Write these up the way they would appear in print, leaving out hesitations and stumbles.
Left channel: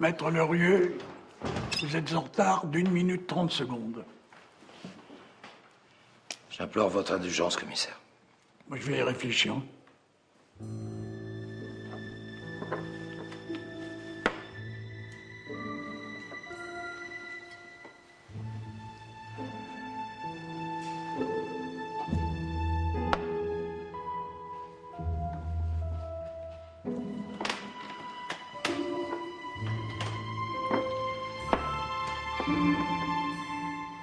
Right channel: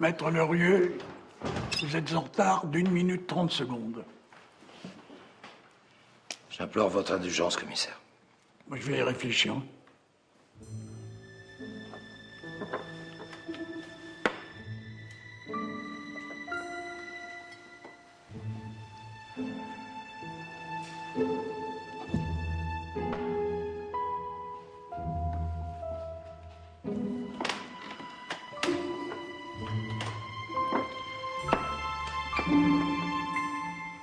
Maître Lerieux, vous êtes en retard d'1 minute 30 secondes. J'implore votre indulgence, commissaire. Moi, je vais y réfléchir.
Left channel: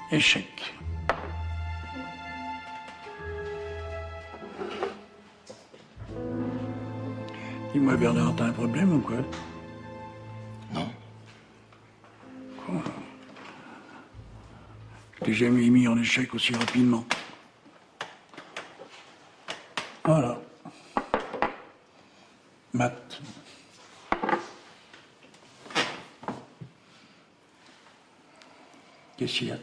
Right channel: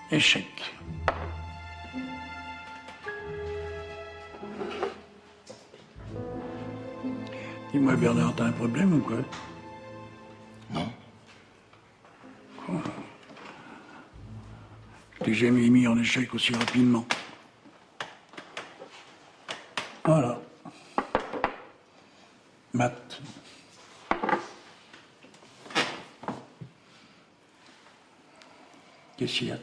Échec. Dis-moi, Bernard, t'as un problème ou quoi? Non. Oh. Je t'ai jamais mis en échec aussi rapidement. Voilà. Matt. Qu'est-ce qu'il y a?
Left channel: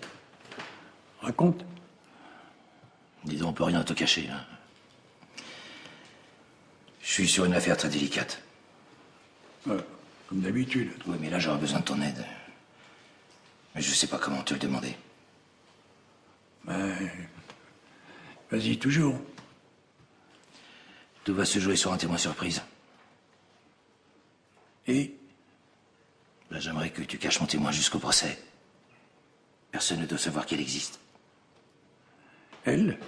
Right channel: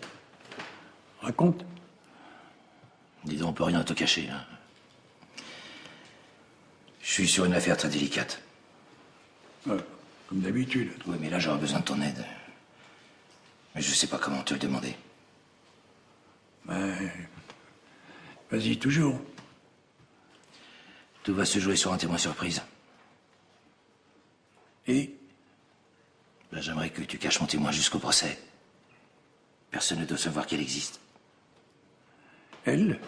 Raconte. Dis donc, on peut rien te cacher, hein. Je suis sur une affaire très délicate. Comme d'habitude. Oui, mais là, j'aurais besoin de ton aide. Mais je sais pas comment te le demander. Ben... Vas-y, toujours. Tout va se jouer sur un témoin surprise. Et? Là, j'aimerais que tu caches mon témoin jusqu'au procès. Personne ne doit savoir qu'elle existe. Elle?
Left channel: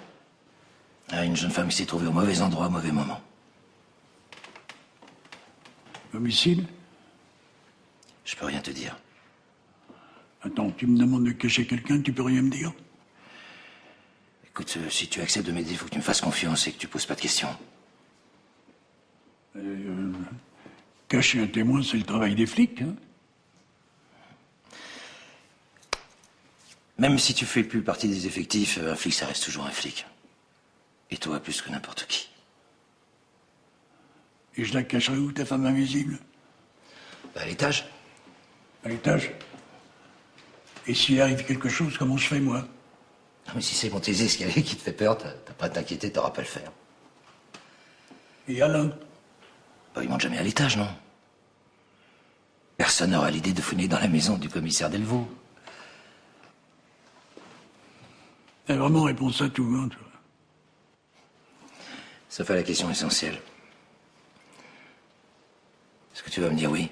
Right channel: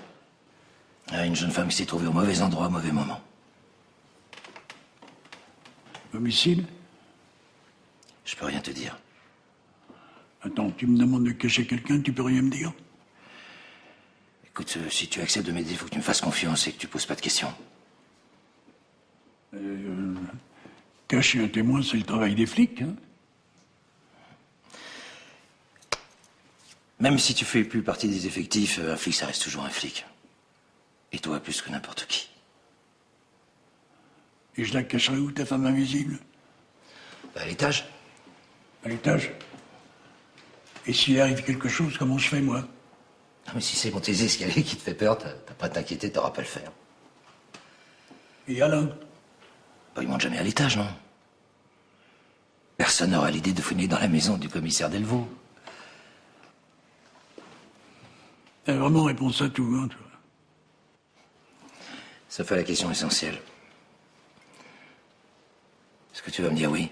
Une jeune femme s'est trouvée au mauvais endroit, au mauvais moment. Homicide? Je peux rien te dire. Attends, tu me demandes de cacher quelqu'un, tu peux rien me dire? Écoute, si tu acceptes de m'aider, il faut que tu me fasses confiance et que tu poses pas de questions. Cacher un témoin, c'est le travail des flics, hein? Même si tu fais plus partie des effectifs, un flic, ça reste toujours un flic. Et toi, plus que n'importe qui. Et je la cacherai où, ta femme invisible? À l'étage. À l'étage? Et s'il arrive quelque chose, comment je fais, moi? Non, mais si c'est monter les escaliers qui te fait peur, t'as pas à t'inquiéter, t'auras pas à le faire. Et Alain? Bah, il monte jamais à l'étage, non? Personne n'aura l'idée de fouiner dans la maison du commissaire Delvaux. Elle a vraiment réponse à tout, hein, tu vois. Ça fait la question essentielle. Est-ce que tu vas me dire oui?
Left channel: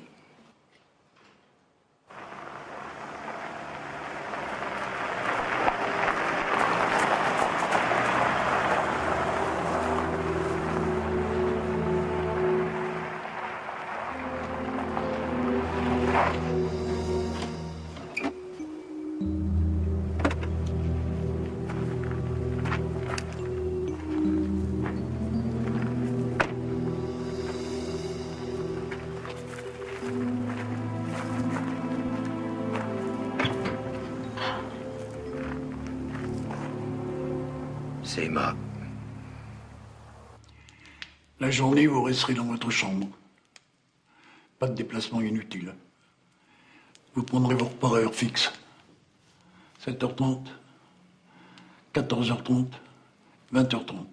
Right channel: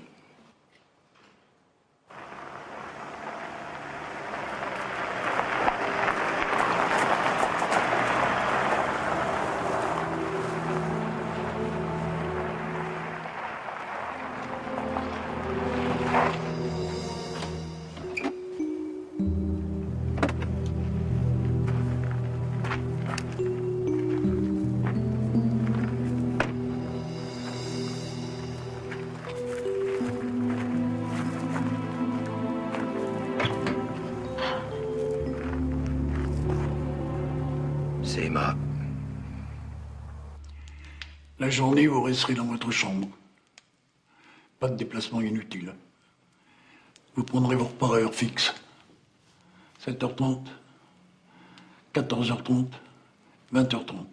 C'est Emma. La journée, vous resterez dans votre chambre. Pas de déplacement inutile. Vous prendrez vos repas à heure fixe. 7h30, 14h30, 20h30.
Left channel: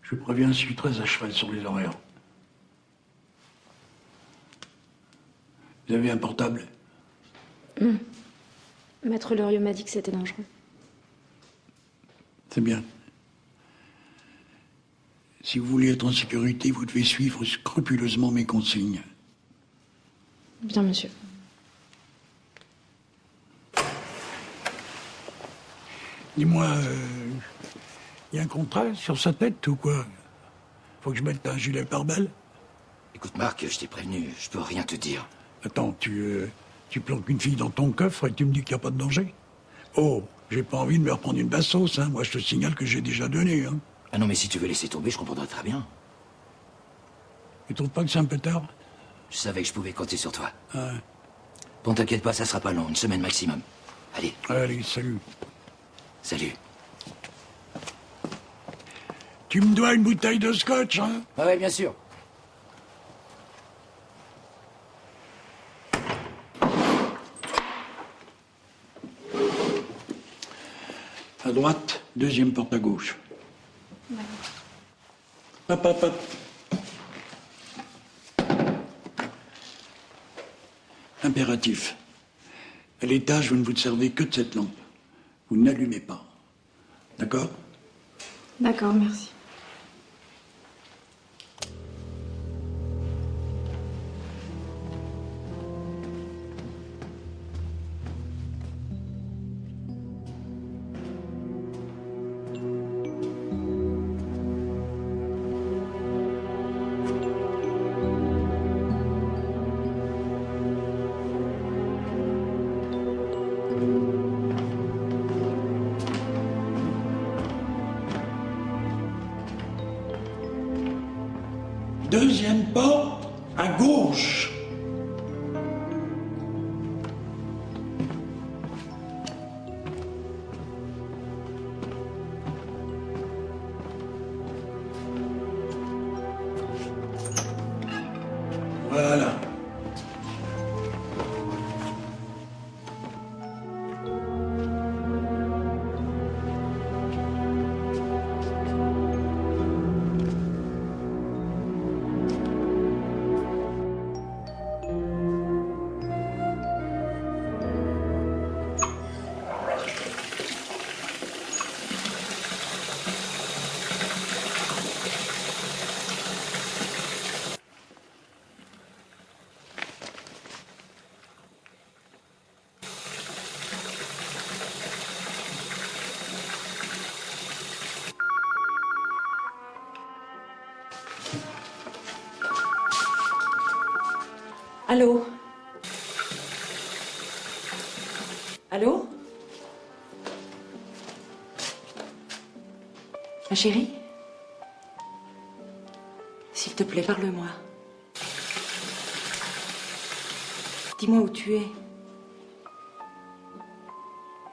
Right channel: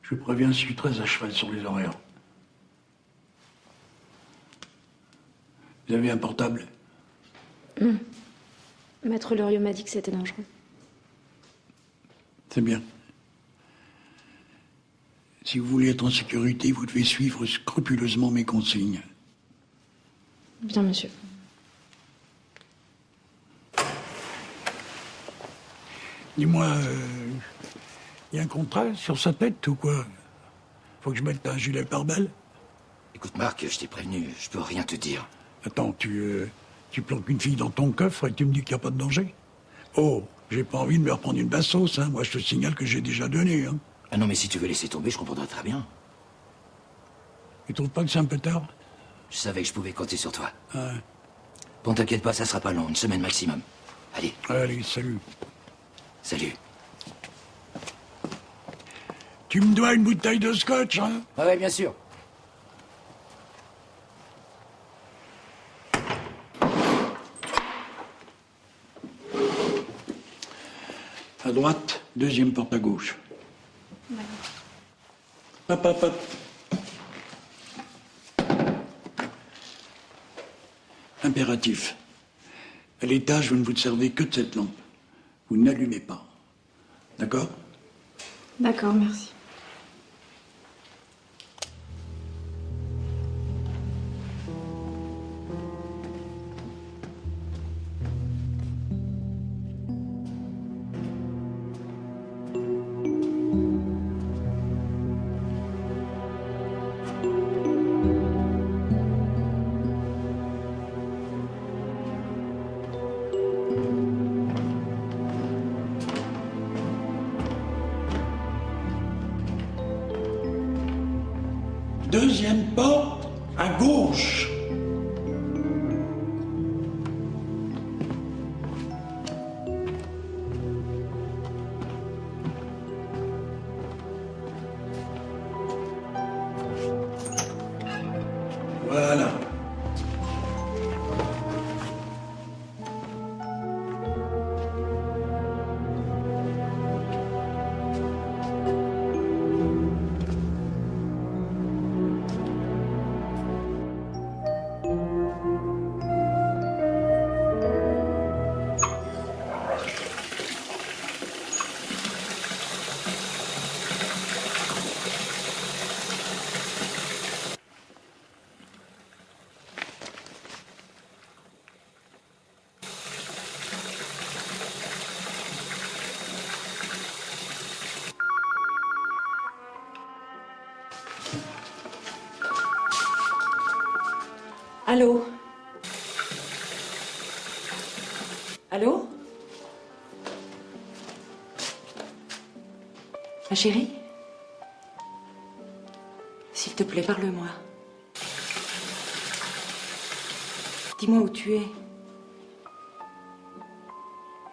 Je vous préviens, je suis très à cheval sur les horaires. Vous avez un portable? Maître Lerieux m'a dit que c'était dangereux. C'est bien. Si vous voulez être en sécurité, vous devez suivre scrupuleusement mes consignes. Bien, monsieur. Dis-moi, il y a un contrat sur sa tête ou quoi? Faut que je mette un gilet pare-balles? Écoute, Marc, je t'ai prévenu, je peux rien te dire. Attends, tu planques une fille dans ton coffre et tu me dis qu'il n'y a pas de danger? Oh, j'ai pas envie de me reprendre une basse sauce, hein. Moi, je te signale que j'ai déjà donné, hein. Ah non, mais si tu veux laisser tomber, je comprendrais très bien. Tu trouves pas que c'est un peu tard? Je savais que je pouvais compter sur toi. Ah. Bon, t'inquiète pas, ça sera pas long, une semaine maximum. Allez. Allez, salut. Salut. Tu me dois une bouteille de scotch, hein? Ouais, bien sûr. À droite, deuxième porte à gauche. Hop, hop, hop. Impératif. À l'étage, vous ne vous servez que de cette lampe. Vous n'allumez pas. D'accord? D'accord, merci. Deuxième porte, à gauche. Voilà. Allô? Allô? Ma chérie? S'il te plaît, parle-moi. Dis-moi où tu es.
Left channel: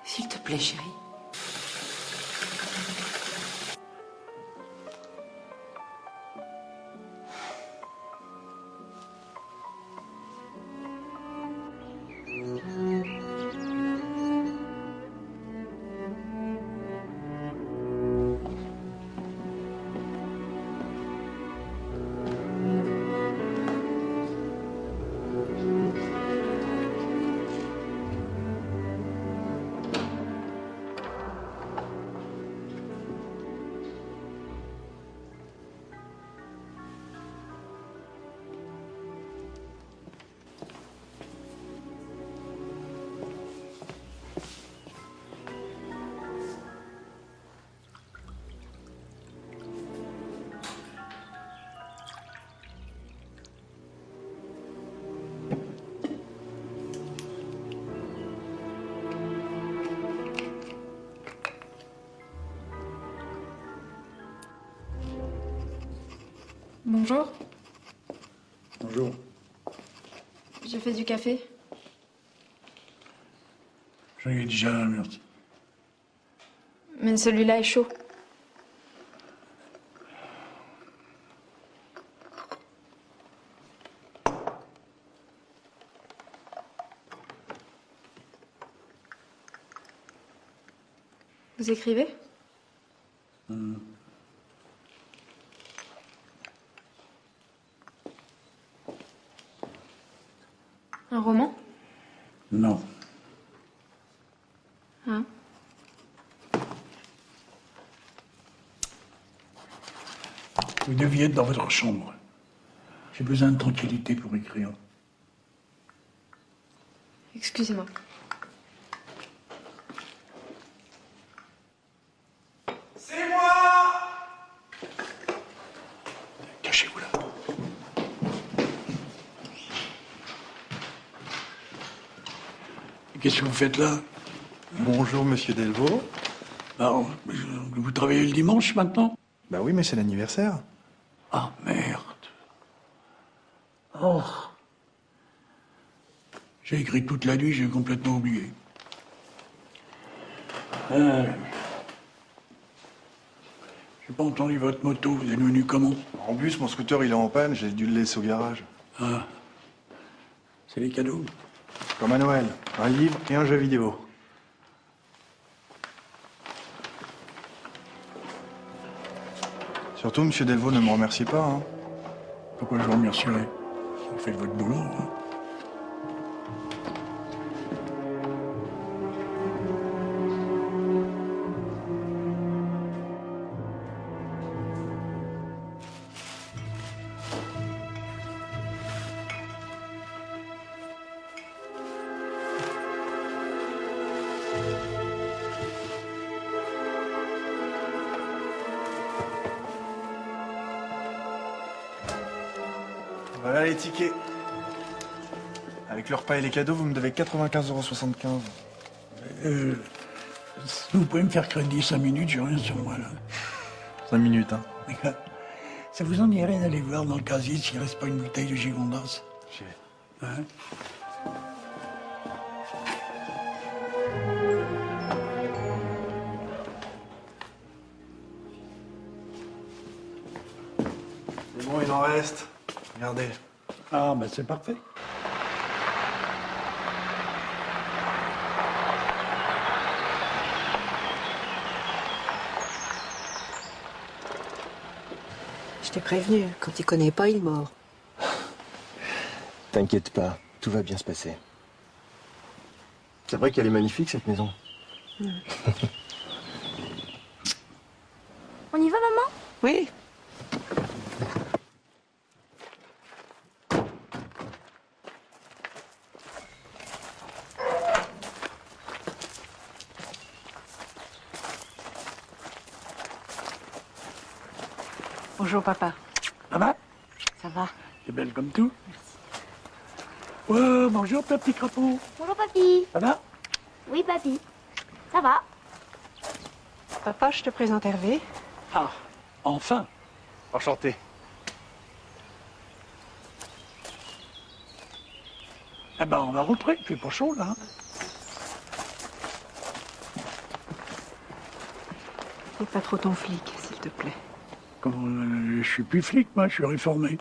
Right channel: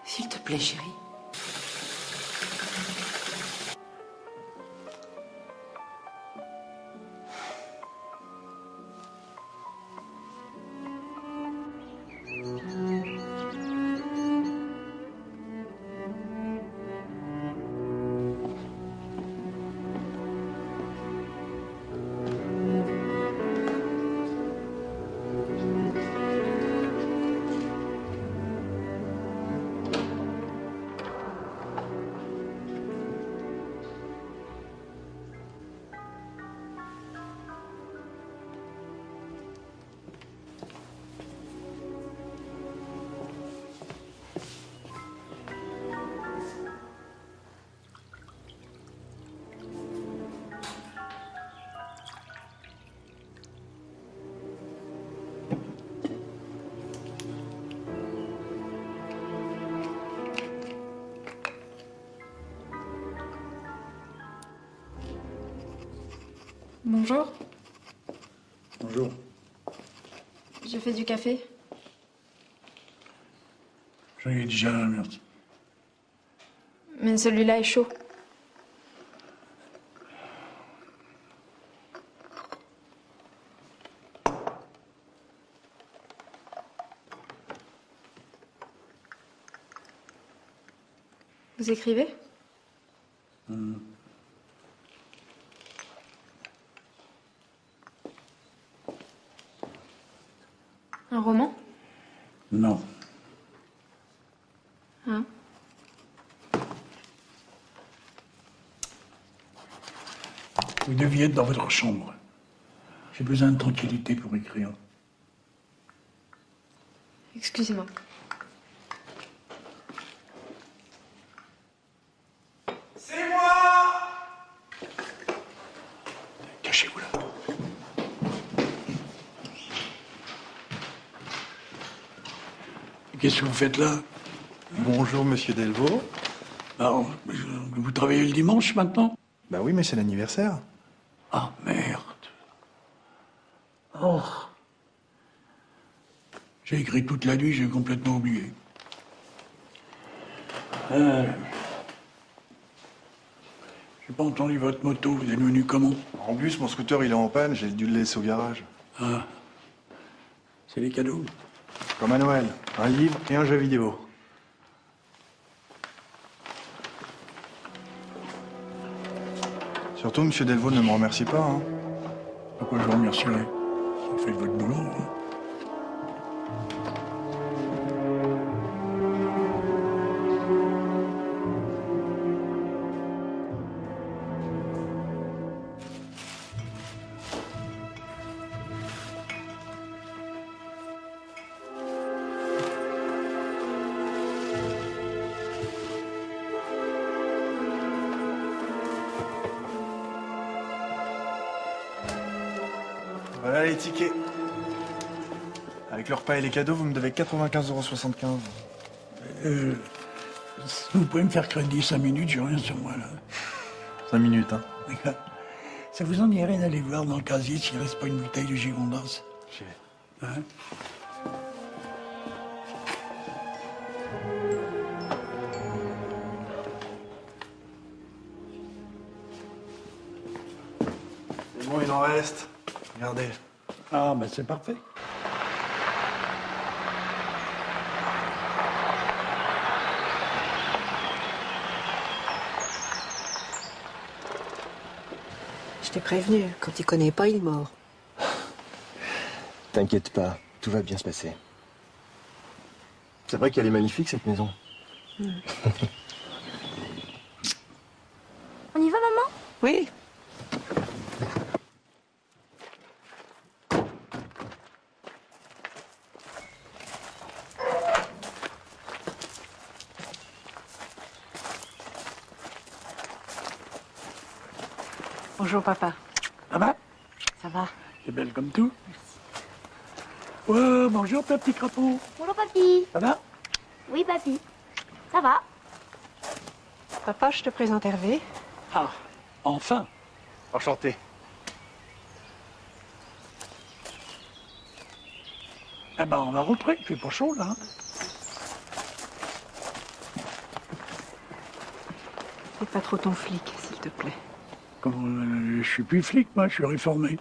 S'il te plaît, chérie. Bonjour. Bonjour. J'ai fait du café. J'en ai déjà un, merci. Mais celui-là est chaud. Vous écrivez? Un roman? Non. Hein? Vous deviez être dans votre chambre. J'ai besoin de tranquillité pour écrire. Excusez-moi. C'est moi! Cachez-vous là. Et qu'est-ce que vous faites là? Bonjour, monsieur Delvaux. Alors, vous travaillez le dimanche maintenant? Bah oui, mais c'est l'anniversaire. Oh, merde. Oh. J'ai écrit toute la nuit, j'ai complètement oublié. J'ai pas entendu votre moto, vous êtes venu comment? En bus, mon scooter, il est en panne, j'ai dû le laisser au garage. Ah. C'est les cadeaux? Comme à Noël, un livre et un jeu vidéo. Surtout, monsieur Delvaux, ne me remercie pas, hein. Pourquoi je vous remercierais? Vous faites votre boulot, hein. les tickets. Avec le repas et les cadeaux, vous me devez 95,75 €. Vous pouvez me faire crédit 5 minutes, j'ai rien sur moi là. 5 minutes, hein. Ça vous en irait d'aller voir dans le casier s'il reste pas une bouteille de Gigondas? Ouais. C'est bon, il en reste. Regardez. Ah, ben c'est parfait. Je t'ai prévenu, quand il connaît pas, il est mort. T'inquiète pas, tout va bien se passer. C'est vrai qu'elle est magnifique, cette maison. On y va, maman? Oui. Bonjour, papa. Ça va? Ça va? T'es belle comme tout? Ouais, bonjour, ta petit crapaud. Bonjour papy. Ça va? Oui papy. Ça va? Papa, je te présente Hervé. Ah, enfin. Enchanté. Ah ben, on va rentrer, il fait pas chaud là. Fais pas trop ton flic, s'il te plaît. Je suis plus flic, moi, je suis réformé.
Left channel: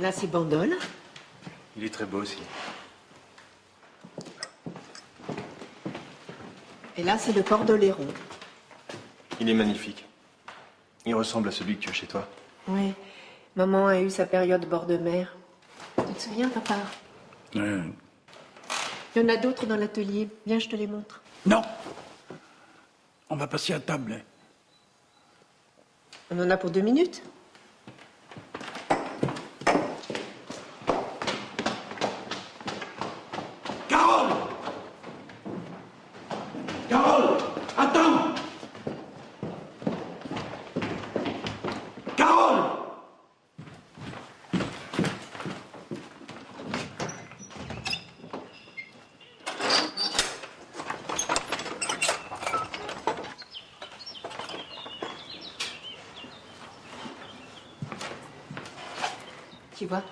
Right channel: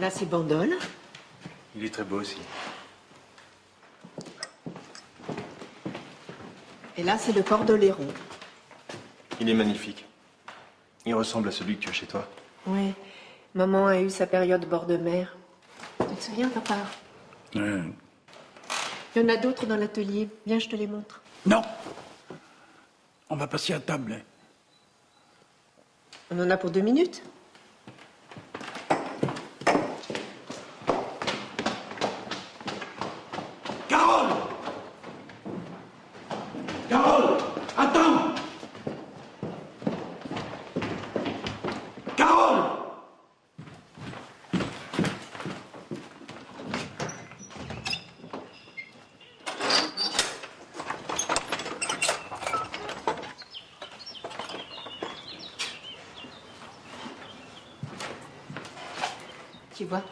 Là, c'est Bandol. Il est très beau aussi. Et là, c'est le port d'Oléron. Il est magnifique. Il ressemble à celui que tu as chez toi. Oui. Maman a eu sa période bord de mer. Tu te souviens, papa? Ouais. Il y en a d'autres dans l'atelier. Viens, je te les montre. Non. On va passer à table. On en a pour 2 minutes. Carole! Carole! Attends! Carole! Tu vois?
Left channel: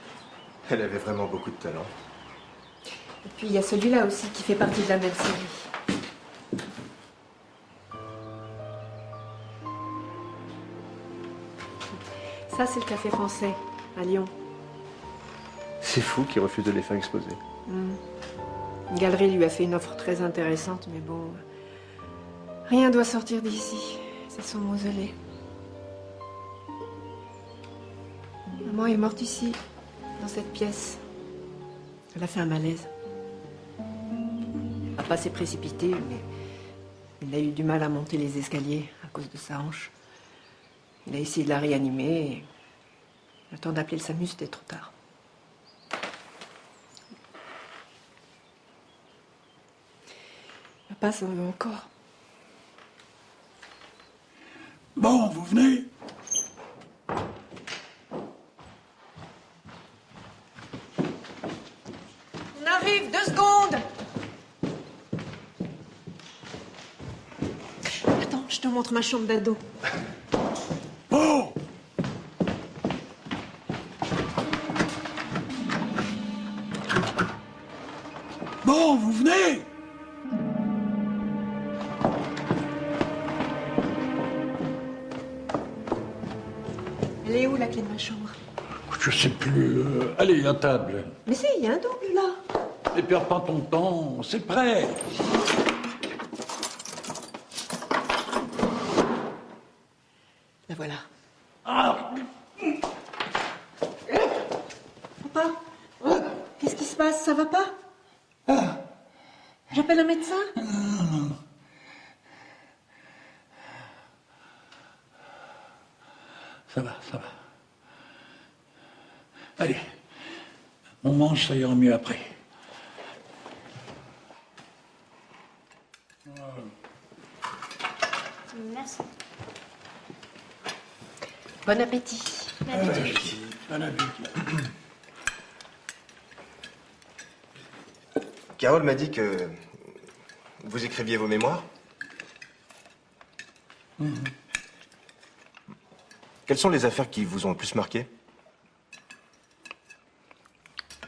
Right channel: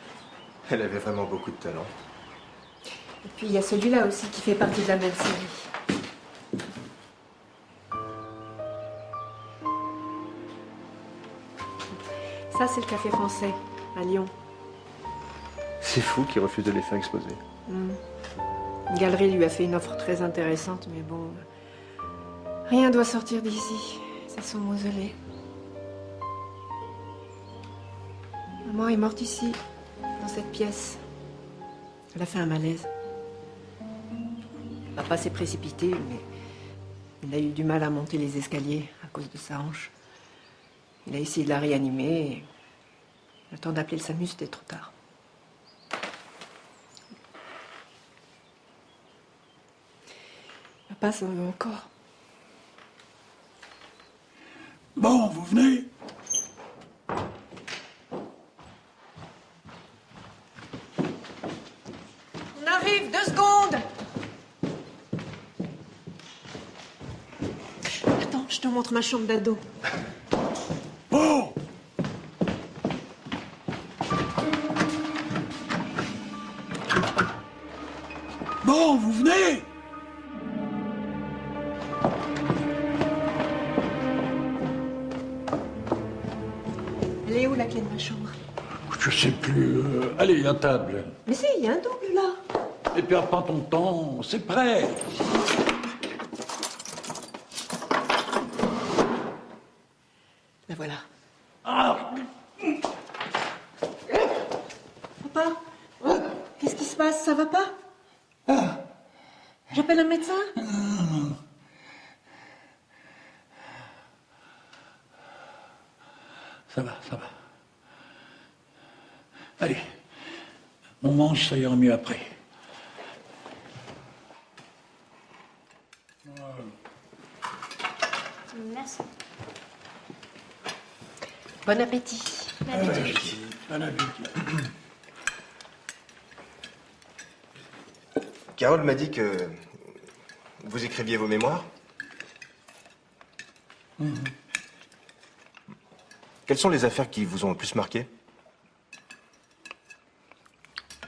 Elle avait vraiment beaucoup de talent. Et puis, il y a celui-là aussi qui fait partie de la même série. Ça, c'est le Café Français, à Lyon. C'est fou qu'il refuse de les faire exposer. Une galerie lui a fait une offre très intéressante, mais bon... Rien doit sortir d'ici. C'est son mausolée. Maman est morte ici, dans cette pièce. Elle a fait un malaise. Papa s'est précipité, mais il a eu du mal à monter les escaliers à cause de sa hanche. Il a essayé de la réanimer et le temps d'appeler le SAMU, c'était trop tard. Papa s'en veut encore. Bon, vous venez? On arrive, 2 secondes. Attends, je te montre ma chambre d'ado. Oh! Bon, vous venez? Elle est où la clé de ma chambre? Je sais plus. Allez, à table. Mais si, il y a un double là. Ne perds pas ton temps, c'est prêt. La voilà. Ah, Papa, qu'est-ce qui se passe? Ça va pas? J'appelle un médecin? ça va, ça va. Allez, On mange, ça ira mieux après. Merci. Bon appétit. Bon appétit. Carole m'a dit que vous écriviez vos mémoires. Quelles sont les affaires qui vous ont le plus marqué?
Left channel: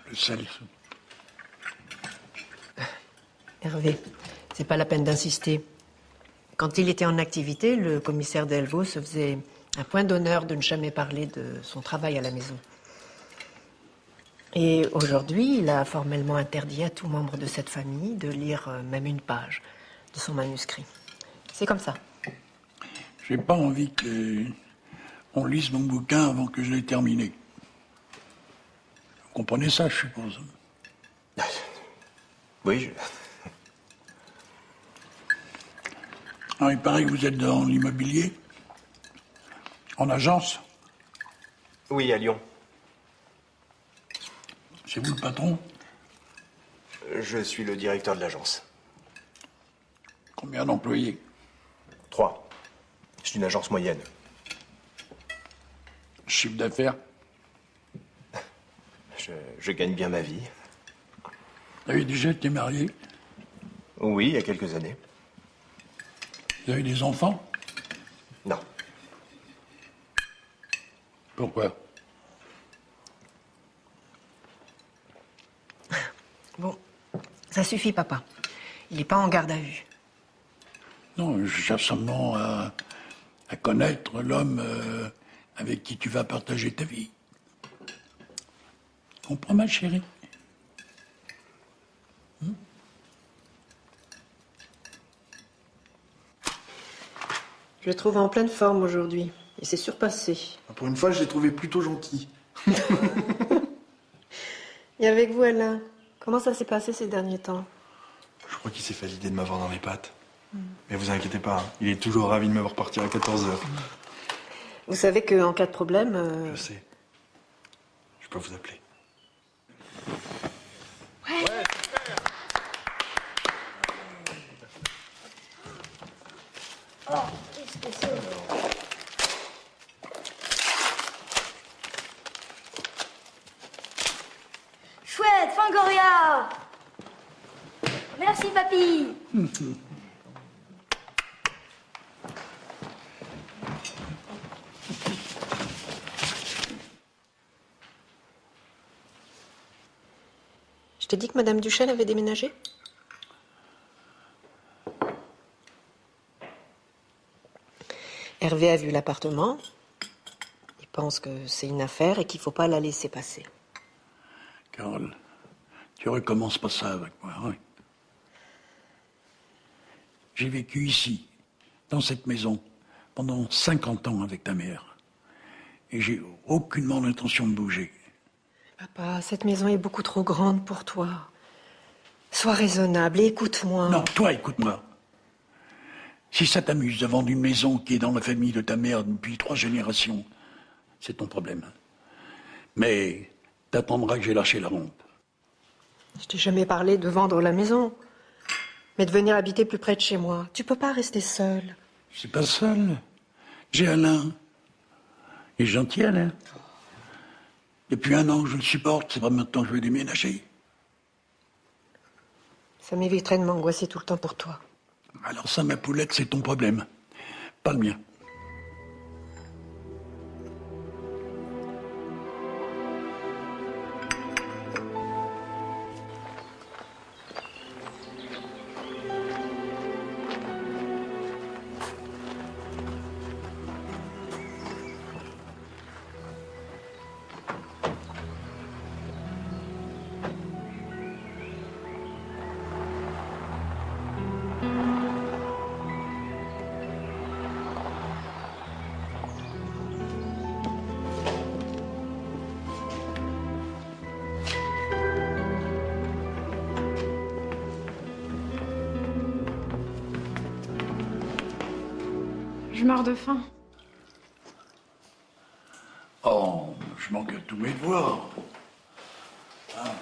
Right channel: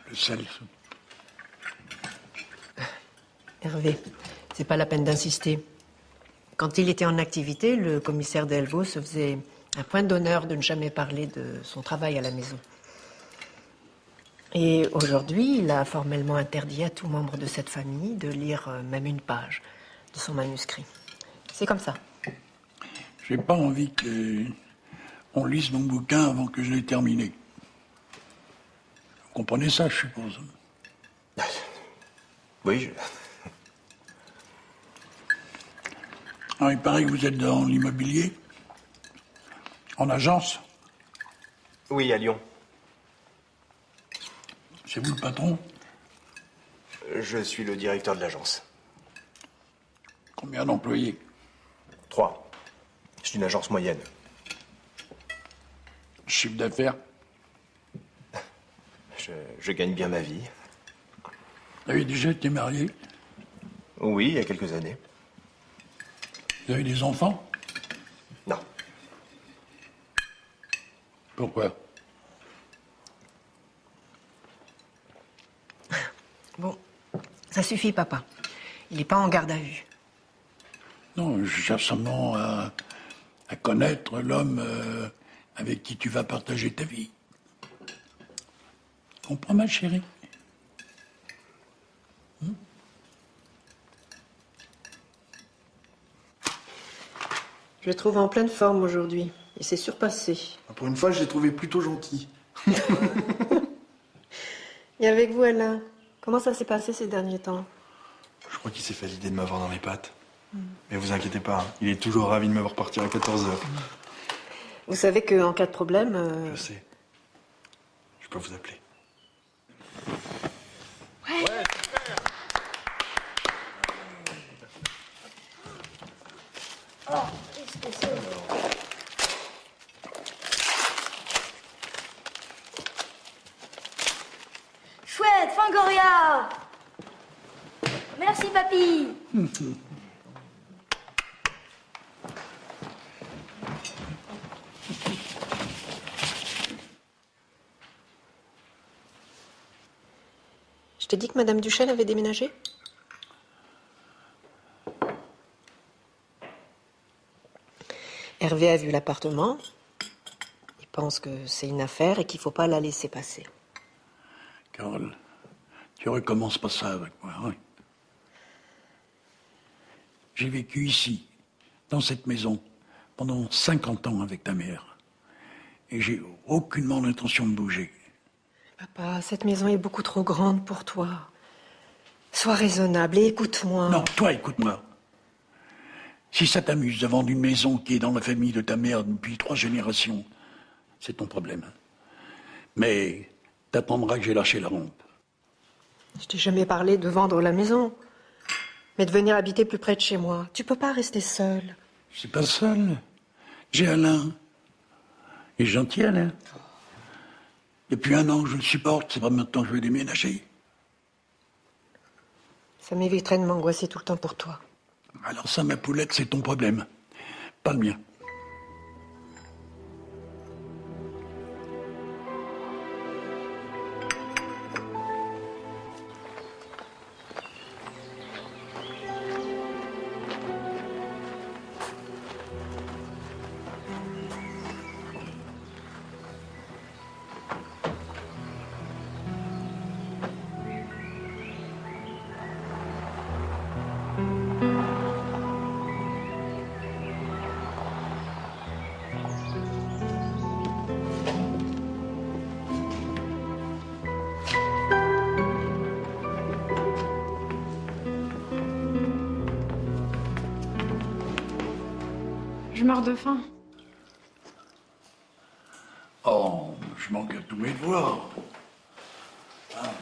Le sel. Hervé, c'est pas la peine d'insister. Quand il était en activité, le commissaire Delvaux se faisait un point d'honneur de ne jamais parler de son travail à la maison. Et aujourd'hui, il a formellement interdit à tout membre de cette famille de lire même une page de son manuscrit. C'est comme ça. J'ai pas envie qu'on lise mon bouquin avant que je l'ai terminé. Vous comprenez ça, je suppose. Oui, Alors, il paraît que vous êtes dans l'immobilier, en agence. oui, à Lyon. C'est vous le patron? Je suis le directeur de l'agence. Combien d'employés? 3. C'est une agence moyenne. Chiffre d'affaires? Je gagne bien ma vie. Vous avez déjà été marié? Oui, il y a quelques années. Vous avez des enfants? Non. Pourquoi? Bon, ça suffit, papa. Il n'est pas en garde à vue. Non, je cherche seulement à connaître l'homme avec qui tu vas partager ta vie. Comprends, ma chérie? Je le trouve en pleine forme aujourd'hui. Il s'est surpassé. Pour une fois, je l'ai trouvé plutôt gentil. Et avec vous, Alain, comment ça s'est passé ces derniers temps? Je crois qu'il s'est fait l'idée de m'avoir dans les pattes. Mais vous inquiétez pas, il est toujours ravi de me voir partir à 14h. Vous savez qu'en cas de problème... Je sais. Je peux vous appeler. Oh, qu'est-ce que c'est? Chouette, Fangoria! Merci, papy! Je t'ai dit que Madame Duchesne avait déménagé? Hervé a vu l'appartement. Il pense que c'est une affaire et qu'il ne faut pas la laisser passer. Carole, tu recommences pas ça avec moi, ouais? J'ai vécu ici, dans cette maison, pendant 50 ans avec ta mère. Et j'ai aucunement l'intention de bouger. Papa, cette maison est beaucoup trop grande pour toi. Sois raisonnable et écoute-moi. Non, toi, écoute-moi. Si ça t'amuse de vendre une maison qui est dans la famille de ta mère depuis 3 générations, c'est ton problème. Mais t'attendras que j'ai lâché la rampe. Je t'ai jamais parlé de vendre la maison, mais de venir habiter plus près de chez moi. Tu peux pas rester seul. Je suis pas seul. J'ai Alain. Il est gentil, Alain. Depuis 1 an que je le supporte, c'est pas maintenant que je vais déménager. Ça m'éviterait de m'angoisser tout le temps pour toi. Alors ça, ma poulette, c'est ton problème, pas le mien. Je meurs de faim. Oh, je manque de tout et de voir. Ah.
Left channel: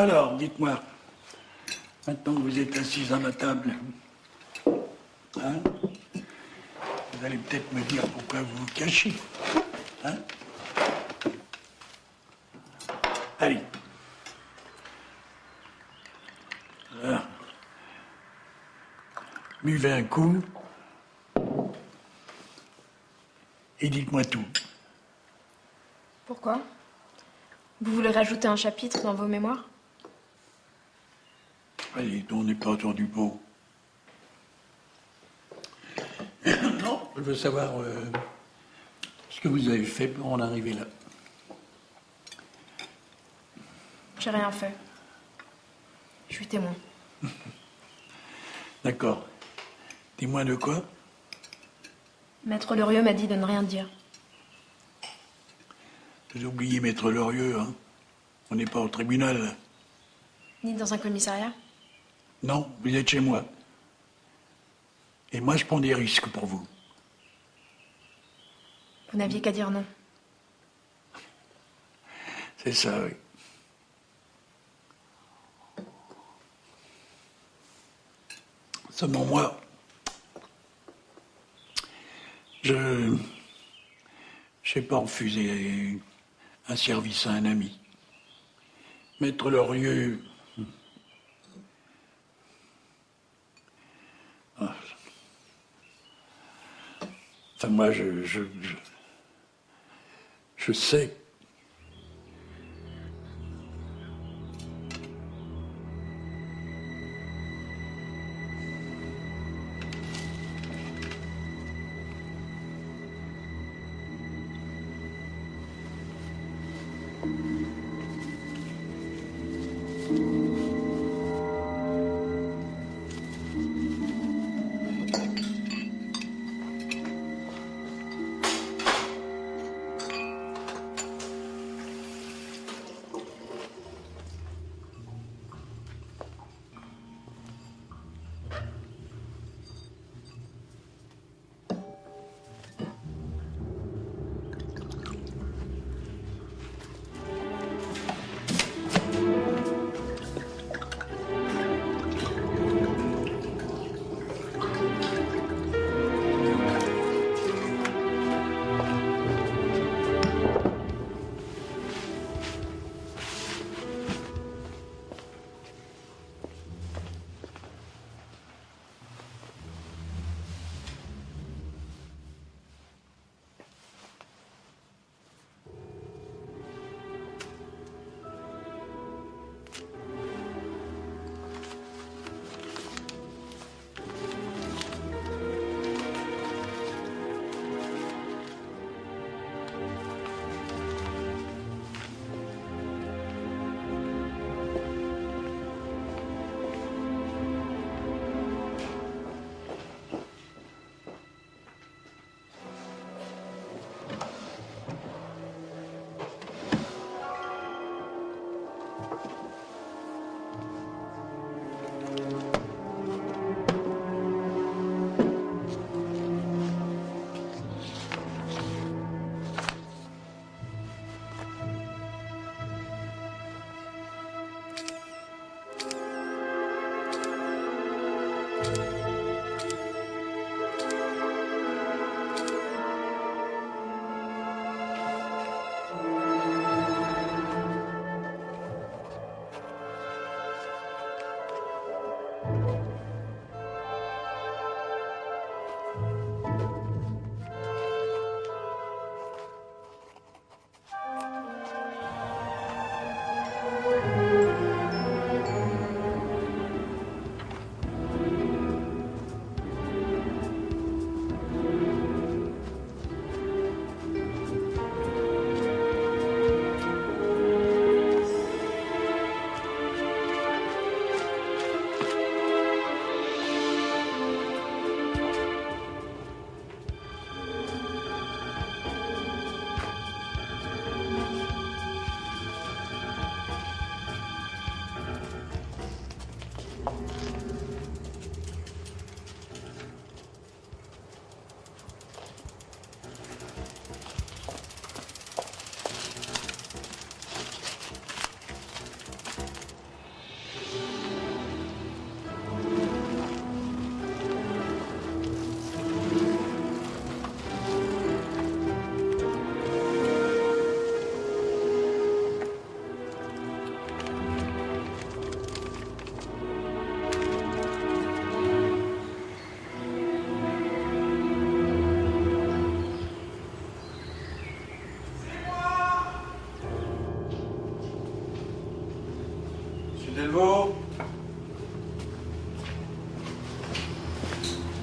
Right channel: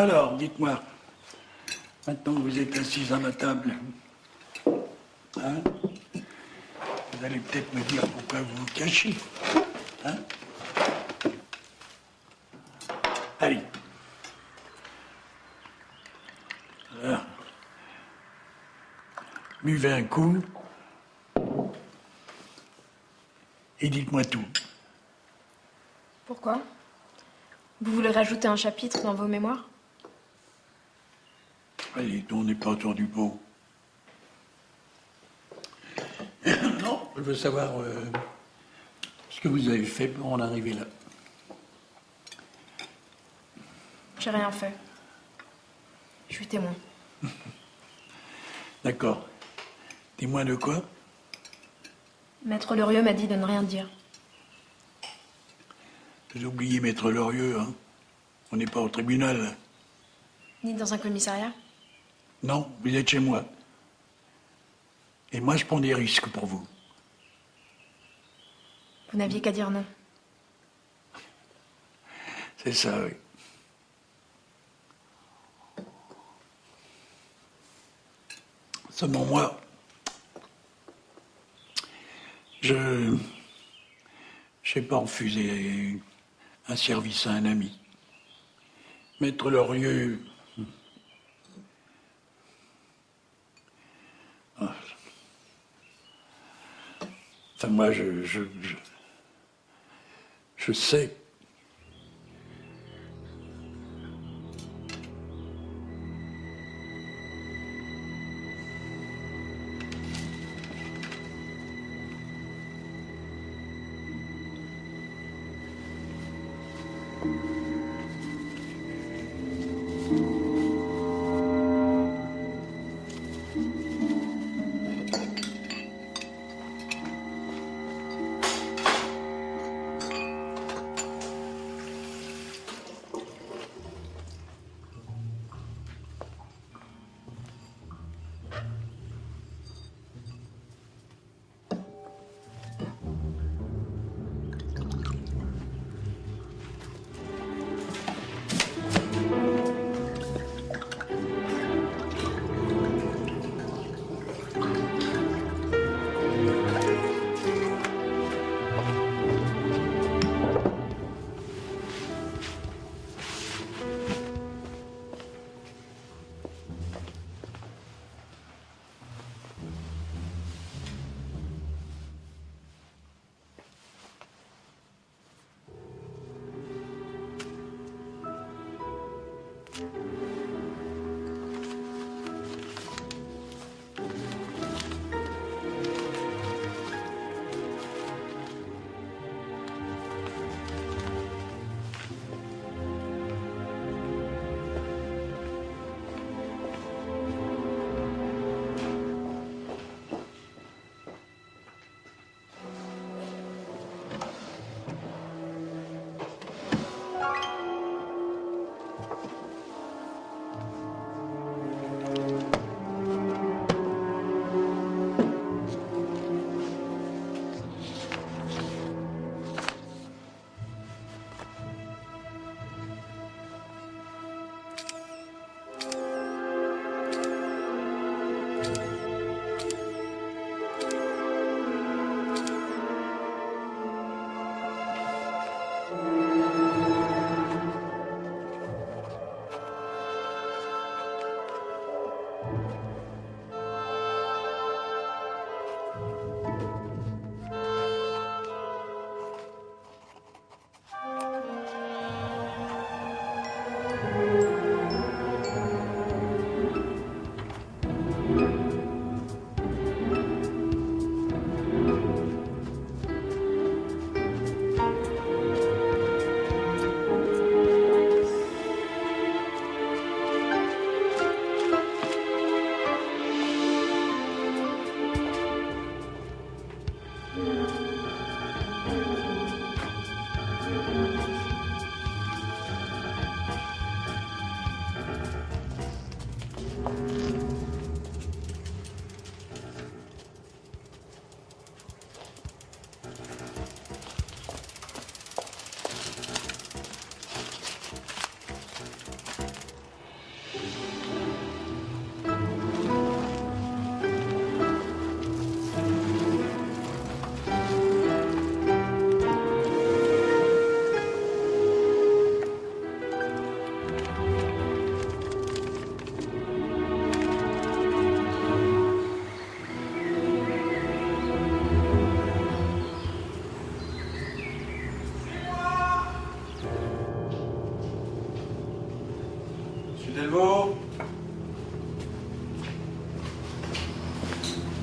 Alors, dites-moi, maintenant que vous êtes assise à ma table, hein, vous allez peut-être me dire pourquoi vous vous cachez. Hein? Allez. Alors, buvez un coup et dites-moi tout. Pourquoi? Vous voulez rajouter un chapitre dans vos mémoires? Allez, on n'est pas autour du pot. Non, je veux savoir ce que vous avez fait pour en arriver là. J'ai rien fait. Je suis témoin. D'accord. Témoin de quoi? Maître Lorieux m'a dit de ne rien dire. Vous oubliez Maître Lorieux, hein? On n'est pas au tribunal. Ni dans un commissariat? Non, vous êtes chez moi. Et moi, je prends des risques pour vous. Vous n'aviez qu'à dire non. C'est ça, oui. Seulement moi, je sais pas refuser un service à un ami. Maître Lorieux. Ah. Enfin, moi, je sais.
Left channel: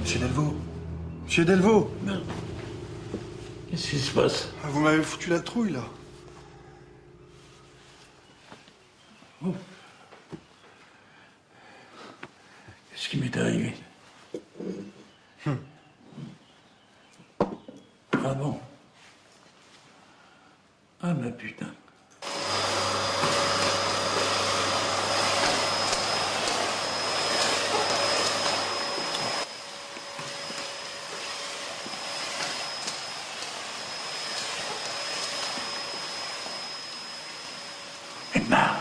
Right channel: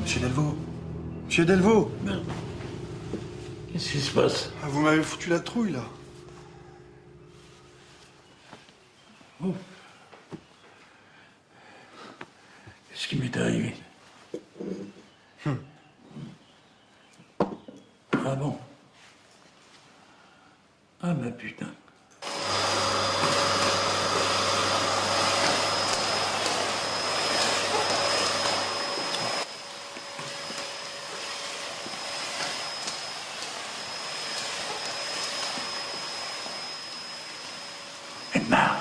Monsieur Delvaux. Monsieur Delvaux. Qu'est-ce qui se passe? Vous m'avez foutu la trouille, là. Qu'est-ce qui m'est arrivé? Ah bon? Ah mais putain. Emma.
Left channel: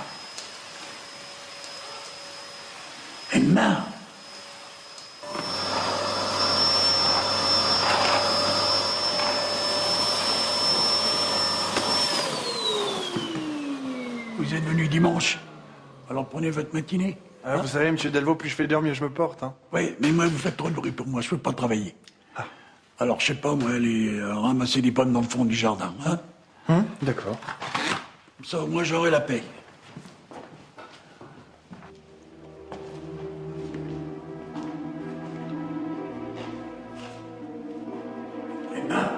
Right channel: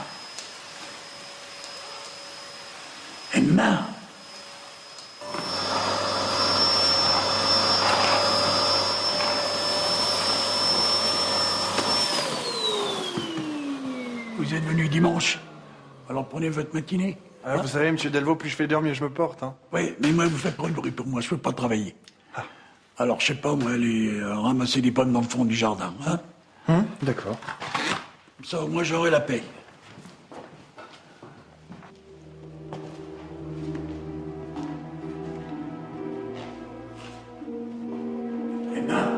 Emma. Vous êtes venu dimanche. Alors prenez votre matinée. Ah, vous savez, monsieur Delvaux, plus je fais d'heure, mieux je me porte. Hein. Oui, mais moi, vous faites trop de bruit pour moi, je peux pas travailler. Alors, je sais pas, moi, aller ramasser des pommes dans le fond du jardin, hein? Hein? D'accord. Comme ça, moi, j'aurai la paix. Emma?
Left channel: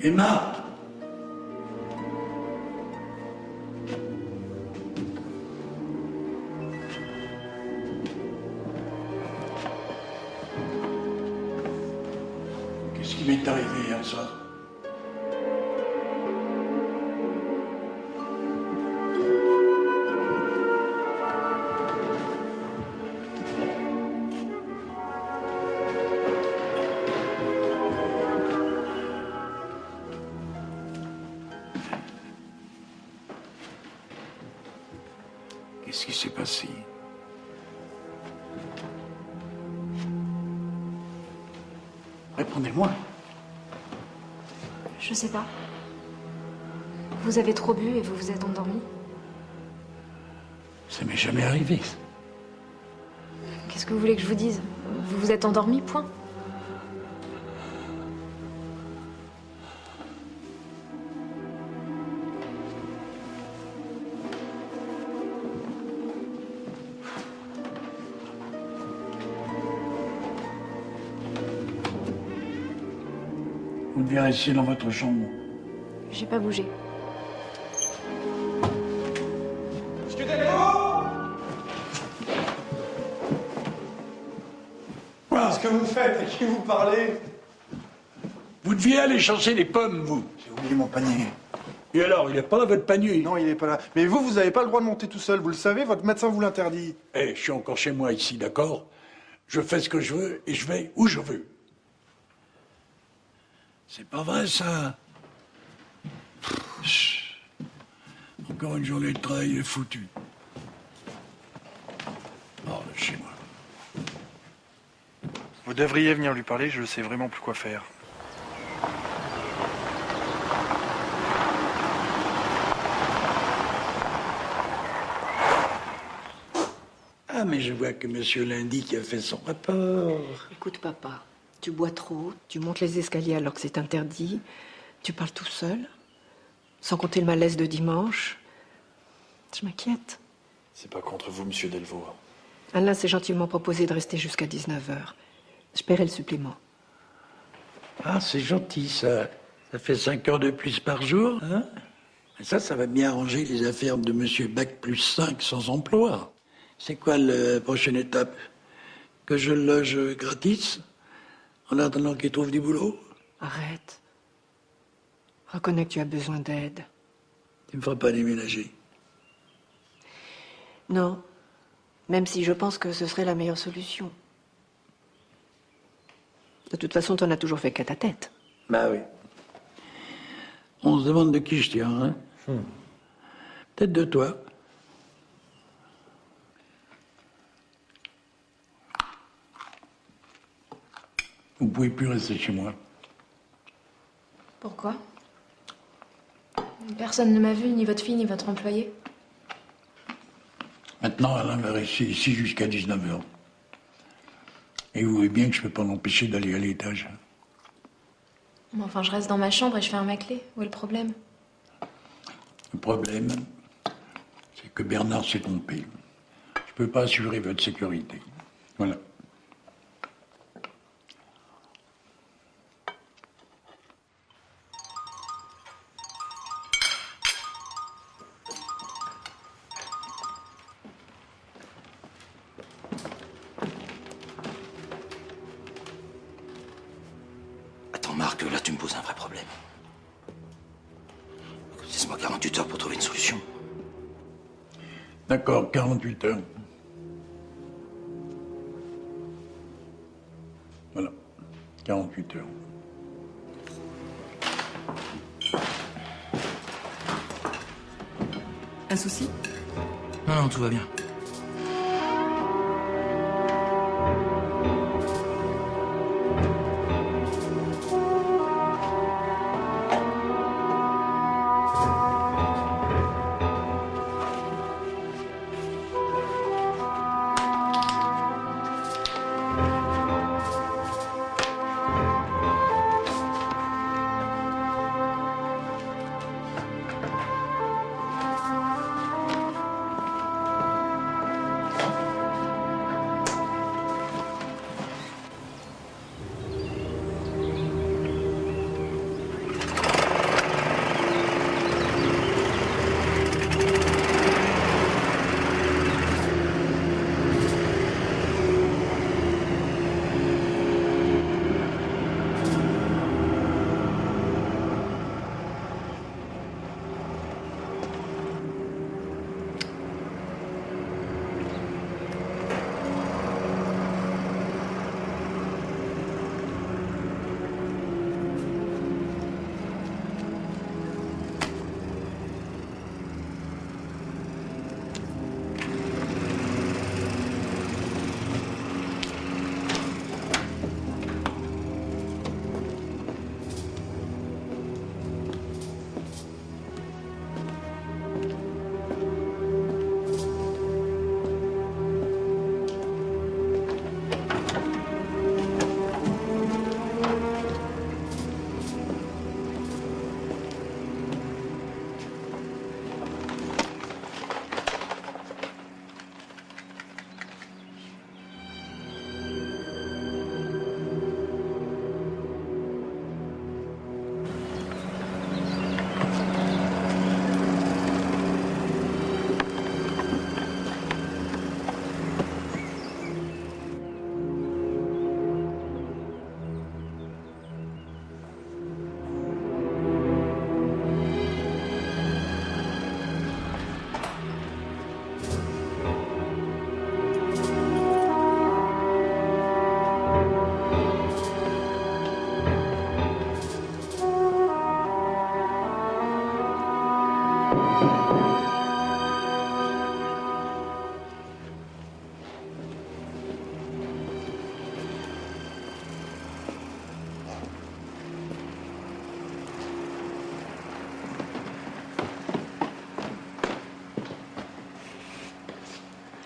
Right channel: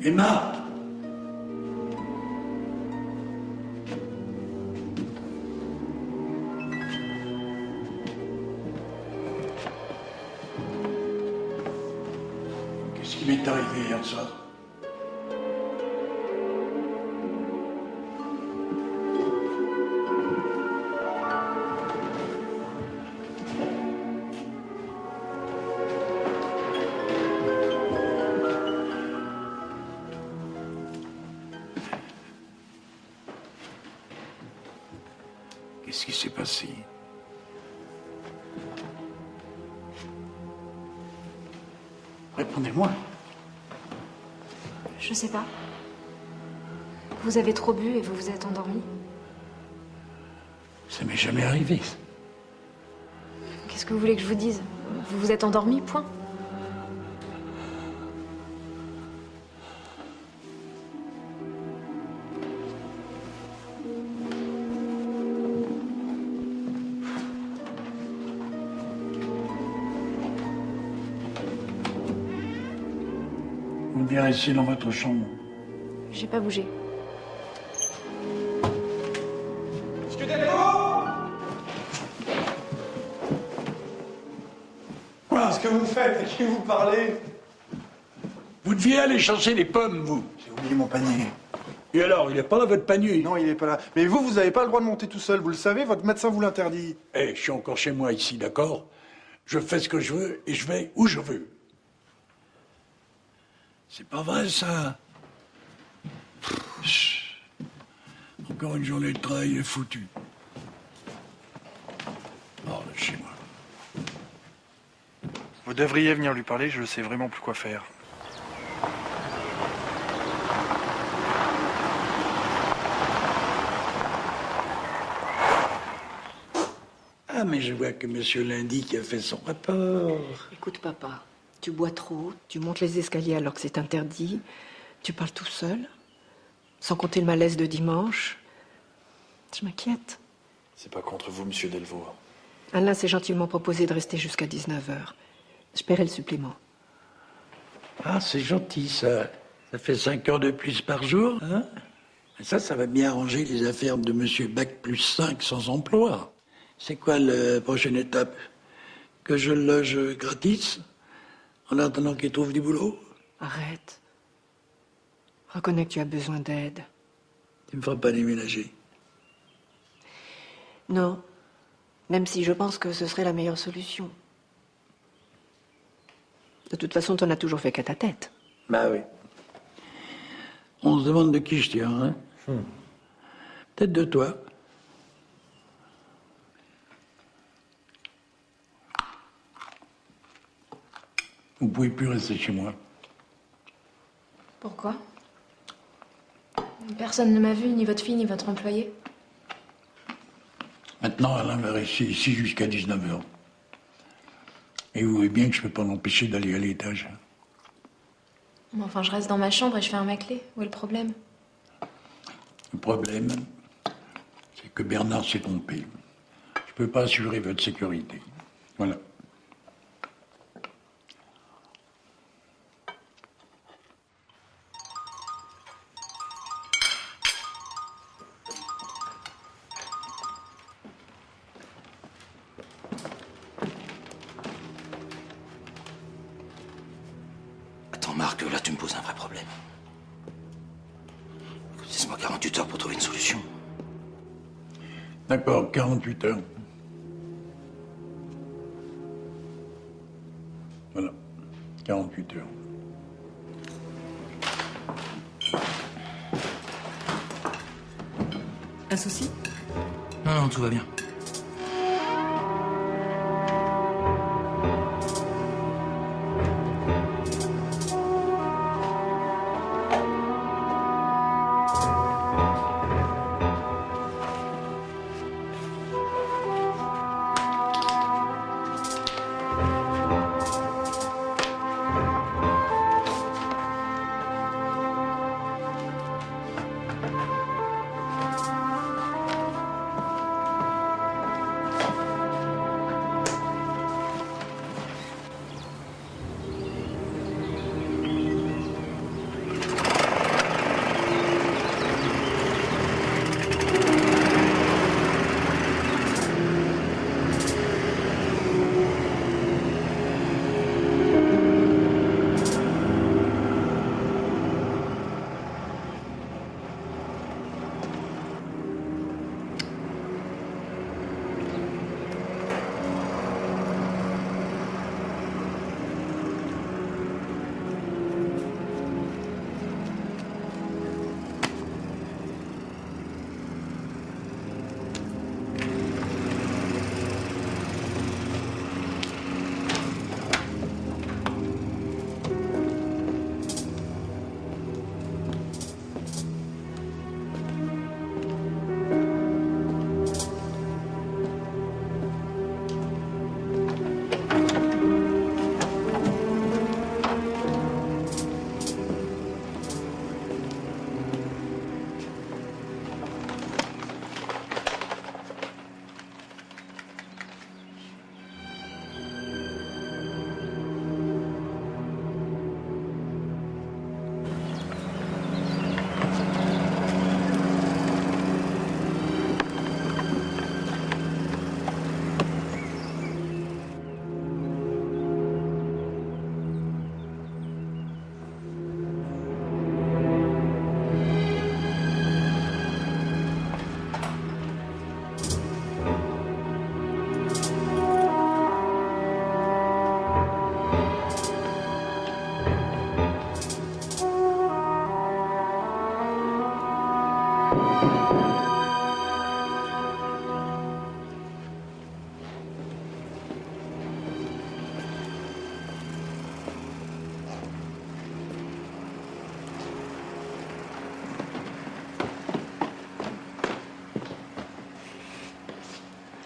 Emma? Qu'est-ce qui m'est arrivé hier soir? Qu'est-ce qui s'est passé? Répondez-moi. Je sais pas. Vous avez trop bu et vous vous êtes endormi. Ça m'est jamais arrivé. Qu'est-ce que vous voulez que je vous dise? Vous vous êtes endormi, point. Vous devez rester dans votre chambre. J'ai pas bougé. Monsieur Delvaux! Qu'est-ce que vous faites? À qui vous parlez? Vous deviez aller chercher des pommes, vous. J'ai oublié mon panier. Et alors, il n'est pas dans votre panier. Non, il n'est pas là. Mais vous n'avez pas le droit de monter tout seul, vous le savez, votre médecin vous l'interdit. Eh, je suis encore chez moi ici, d'accord? Je fais ce que je veux et je vais où je veux. C'est pas vrai, ça. Chut. Encore une journée de travail foutue. Oh, chez moi. Vous devriez venir lui parler, je sais vraiment plus quoi faire. Ah, mais je vois que monsieur Lindy a fait son rapport. Écoute, papa, tu bois trop, tu montes les escaliers alors que c'est interdit, tu parles tout seul, sans compter le malaise de dimanche. Je m'inquiète. C'est pas contre vous, monsieur Delvaux. Alain s'est gentiment proposé de rester jusqu'à 19h. Je paierai le supplément. Ah, c'est gentil, ça. Ça fait 5 heures de plus par jour, hein? Ça va bien arranger les affaires de monsieur Bac plus 5 sans emploi. C'est quoi la prochaine étape? Que je le loge gratis? En attendant qu'il trouve du boulot? Arrête. Reconnais que tu as besoin d'aide. Tu me feras pas déménager. Non. Même si je pense que ce serait la meilleure solution. De toute façon, t'en as toujours fait qu'à ta tête. Bah oui. On se demande de qui je tiens, hein? Peut-être de toi. Vous pouvez plus rester chez moi. Pourquoi? Personne ne m'a vu, ni votre fille, ni votre employé. Maintenant, Alain va rester ici jusqu'à 19h. Et vous voyez bien que je ne peux pas l'empêcher d'aller à l'étage. Mais enfin, je reste dans ma chambre et je ferme ma clé. Où est le problème? Le problème, c'est que Bernard s'est trompé. Je ne peux pas assurer votre sécurité. Voilà. voir que là, tu me poses un vrai problème. Laisse-moi 48 heures pour trouver une solution. D'accord, 48 heures. Voilà, 48 heures. Un souci? Non, non, tout va bien.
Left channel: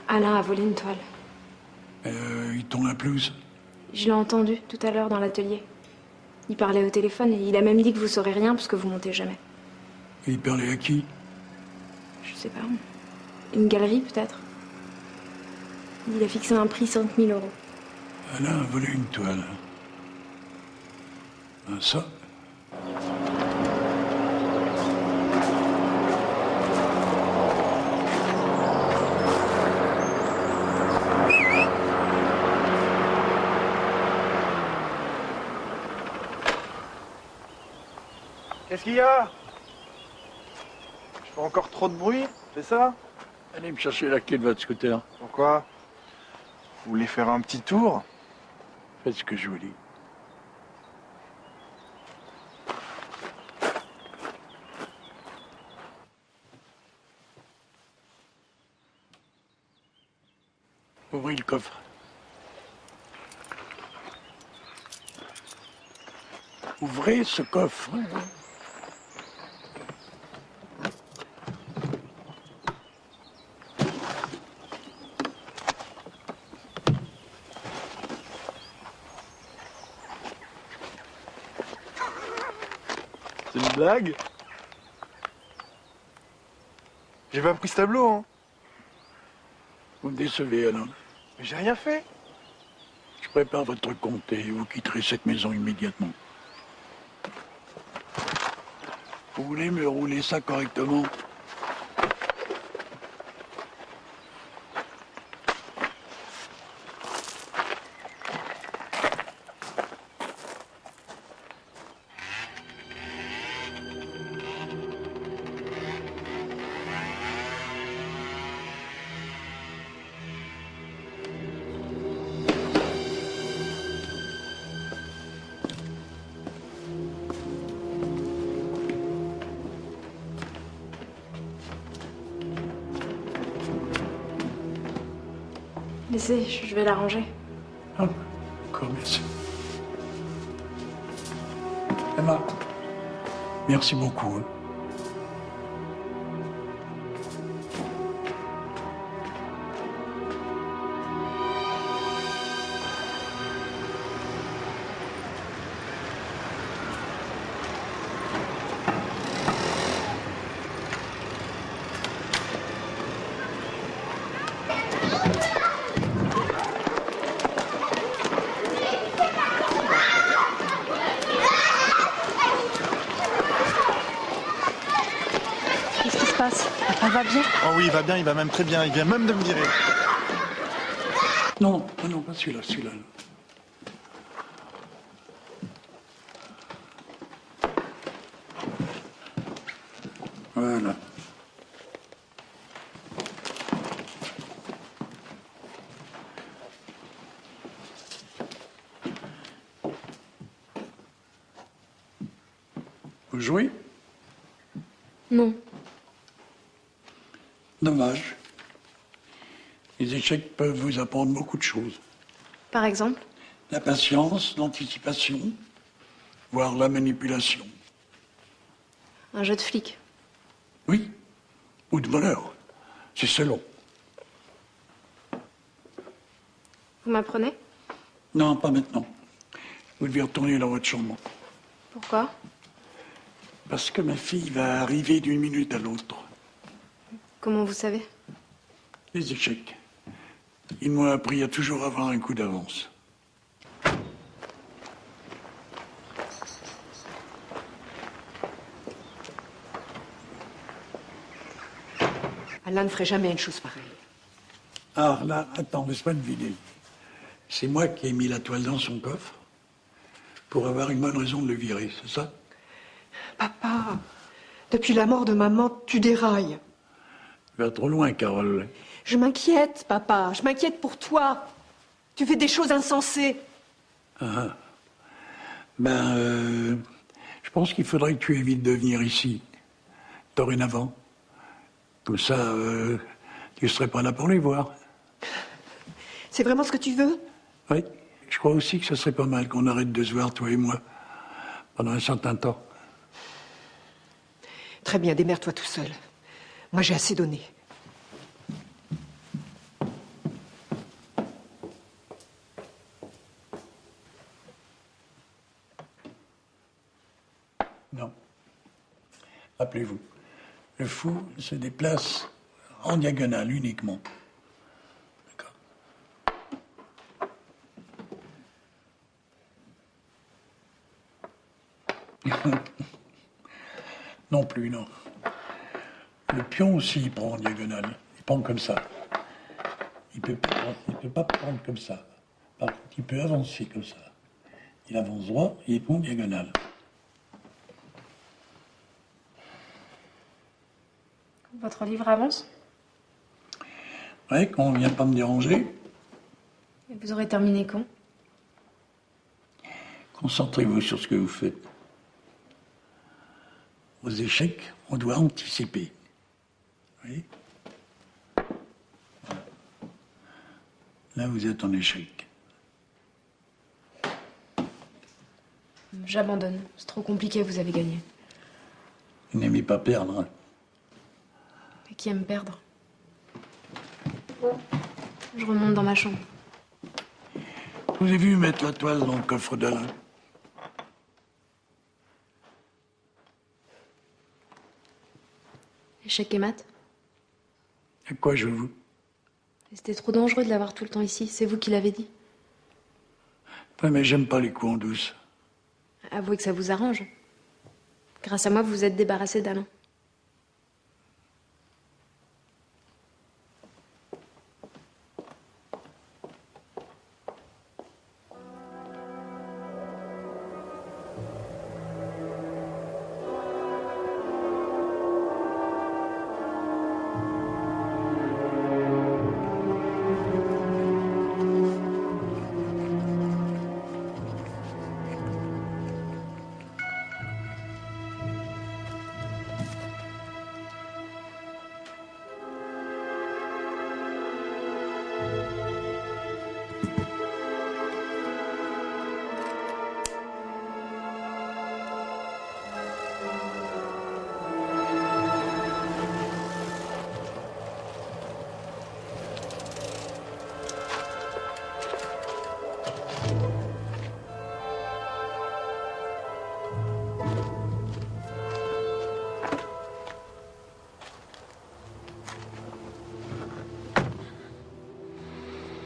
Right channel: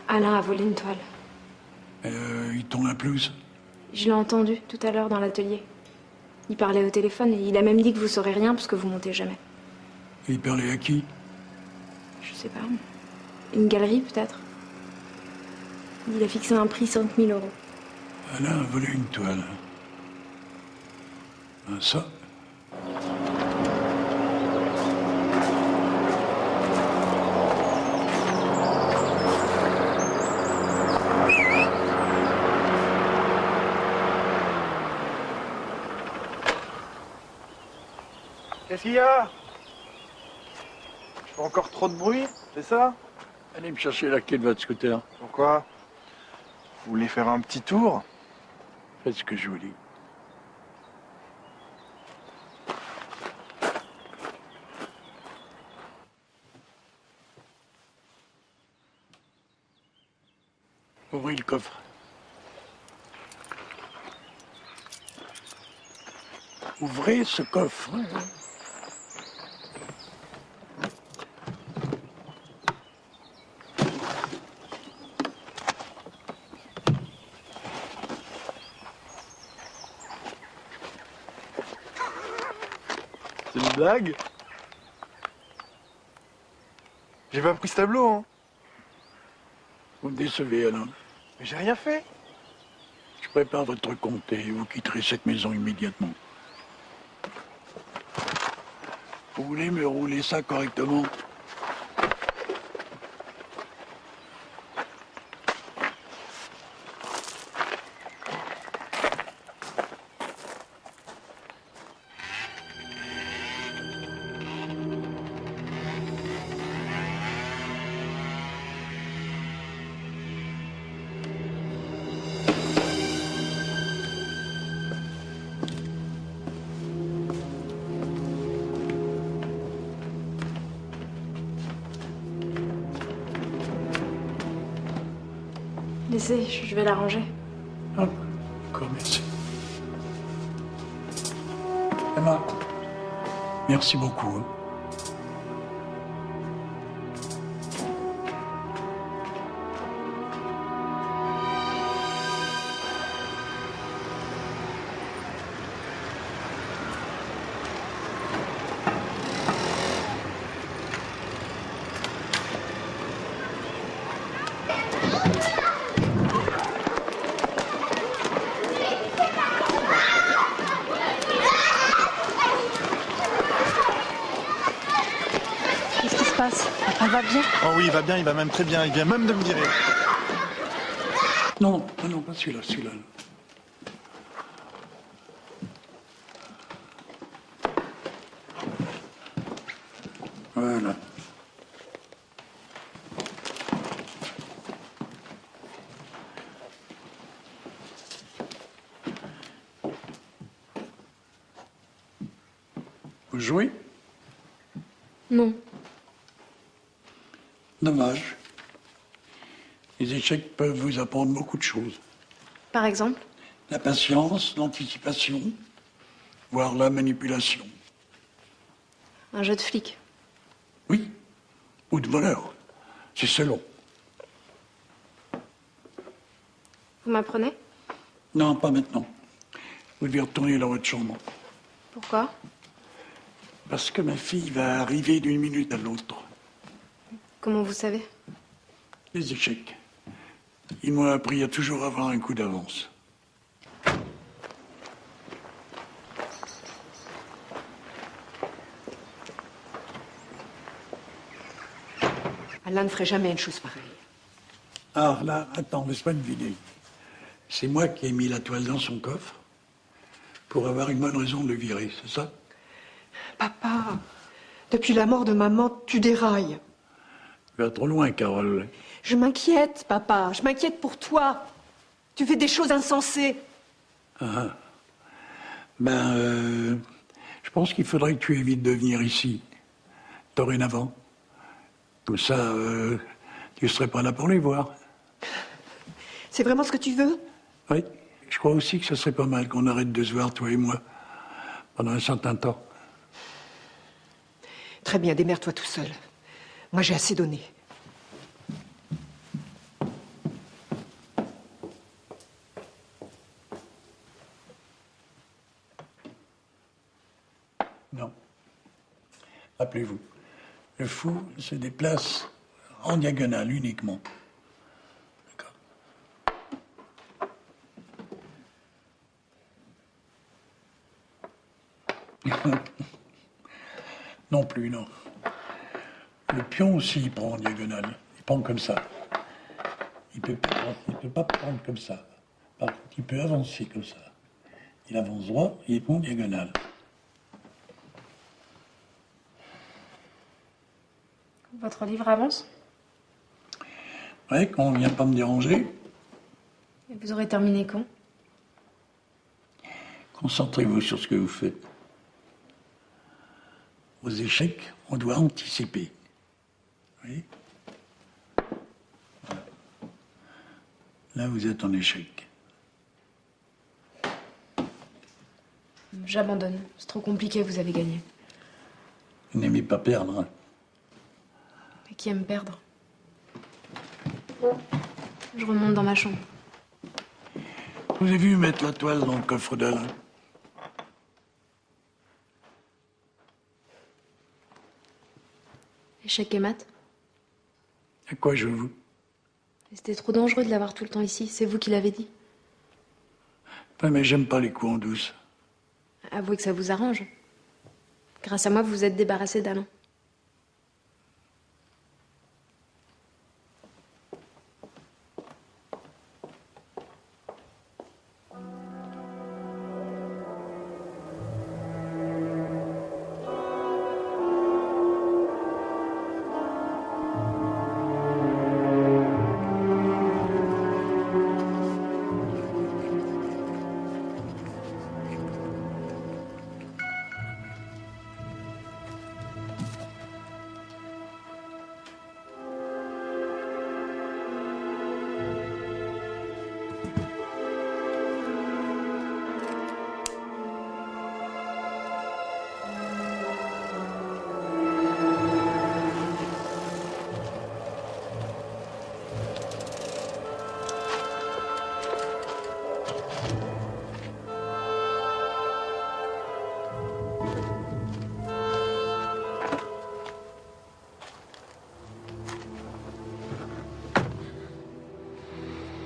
Alain a volé une toile. Il tourne la pelouse. Je l'ai entendu tout à l'heure dans l'atelier. Il parlait au téléphone et il a même dit que vous saurez rien parce que vous montez jamais. Et il parlait à qui? Je sais pas. Une galerie peut-être. Il a fixé un prix 5 000 euros. Alain a volé une toile. Ah, ça? Qu'est-ce qu'il y a? Je fais encore trop de bruit, c'est ça? Allez me chercher la clé de votre scooter. Pourquoi? Vous voulez faire un petit tour? Faites ce que je vous dis. Ouvrez le coffre. Ouvrez ce coffre. C'est une blague? J'ai pas pris ce tableau, hein. Vous me décevez, Alain. Mais j'ai rien fait. Je prépare votre compte et vous quitterez cette maison immédiatement. Vous voulez me rouler ça correctement? laisser, je vais la ranger. Ah, d'accord, merci. Emma, merci beaucoup. Qu'est-ce qui se passe? Elle va bien? Oh oui, il va bien, il va même très bien. Il vient même de me virer. Non, non, pas celui-là, celui-là. Voilà. Vous jouez? Non. Dommage. Les échecs peuvent vous apprendre beaucoup de choses. Par exemple? La patience, l'anticipation, voire la manipulation. Un jeu de flic. Oui, ou de voleur. C'est selon. Vous m'apprenez? Non, pas maintenant. Vous devez retourner dans votre chambre. Pourquoi? Parce que ma fille va arriver d'une minute à l'autre. Comment vous savez? Les échecs. Il m'a appris à toujours avoir un coup d'avance. Alain ne ferait jamais une chose pareille. Ah, là, attends, laisse-moi deviner. C'est moi qui ai mis la toile dans son coffre pour avoir une bonne raison de le virer, c'est ça? Papa, depuis la mort de maman, tu dérailles. Tu vas trop loin, Carole. Je m'inquiète, papa. Je m'inquiète pour toi. Tu fais des choses insensées. Je pense qu'il faudrait que tu évites de venir ici, dorénavant. Comme ça, tu ne serais pas là pour les voir. C'est vraiment ce que tu veux? Oui, je crois aussi que ce serait pas mal qu'on arrête de se voir, toi et moi, pendant un certain temps. Très bien, démerde-toi tout seul. Moi, j'ai assez donné. Non. Rappelez-vous, le fou se déplace en diagonale uniquement. D'accord. Non plus, non. Le pion aussi, il prend en diagonale. Il prend comme ça. Il peut pas prendre comme ça. Par contre, il peut avancer comme ça. Il avance droit et il prend en diagonale. Votre livre avance? Ouais, quand on vient pas me déranger, Et vous aurez terminé quand? concentrez-vous sur ce que vous faites. Aux échecs, on doit anticiper. Oui. Là, vous êtes en échec. J'abandonne. C'est trop compliqué, vous avez gagné. Vous n'aimez pas perdre. Et qui aime perdre? Je remonte dans ma chambre. Je vous ai vu mettre la toile dans le coffre d'Alain. Échec et maths? À quoi jouez-vous? C'était trop dangereux de l'avoir tout le temps ici. C'est vous qui l'avez dit. Ouais, mais j'aime pas les coups en douce. Avouez que ça vous arrange. Grâce à moi, vous vous êtes débarrassé d'Alain.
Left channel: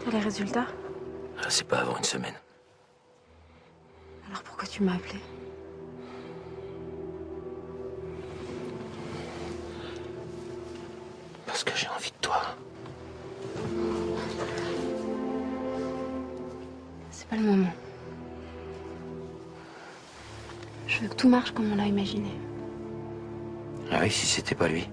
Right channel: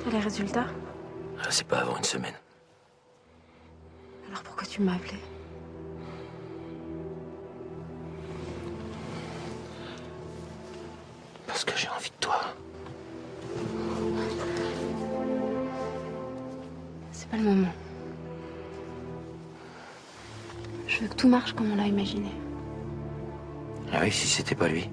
T'as les résultats? Ah, c'est pas avant une semaine. Alors pourquoi tu m'as appelé? Parce que j'ai envie de toi. C'est pas le moment. Je veux que tout marche comme on l'a imaginé. Ah oui, si c'était pas lui.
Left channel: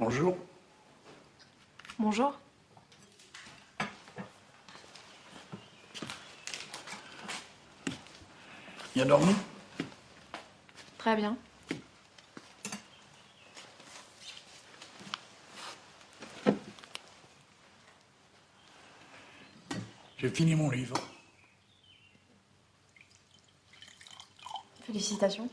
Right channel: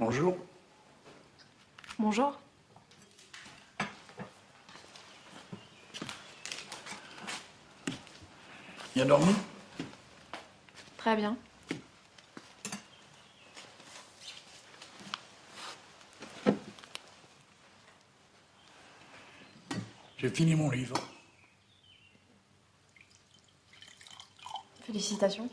Bonjour. Bonjour. Bien dormi? Très bien. J'ai fini mon livre. Félicitations.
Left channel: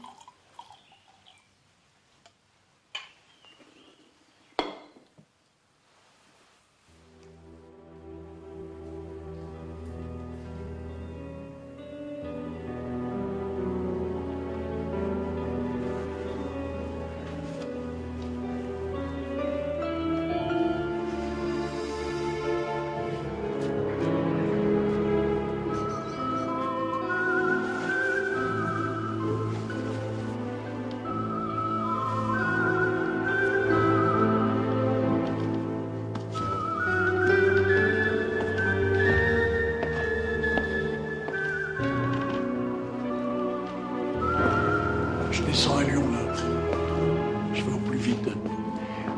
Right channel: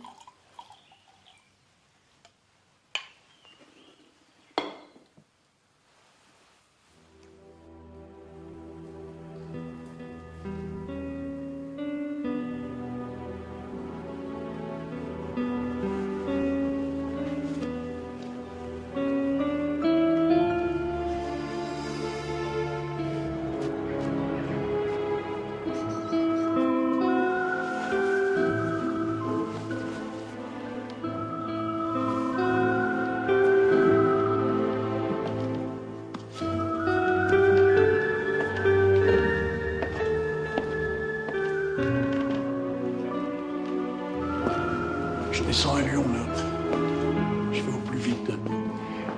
Je descends à Lyon, là. Je vais au plus vite.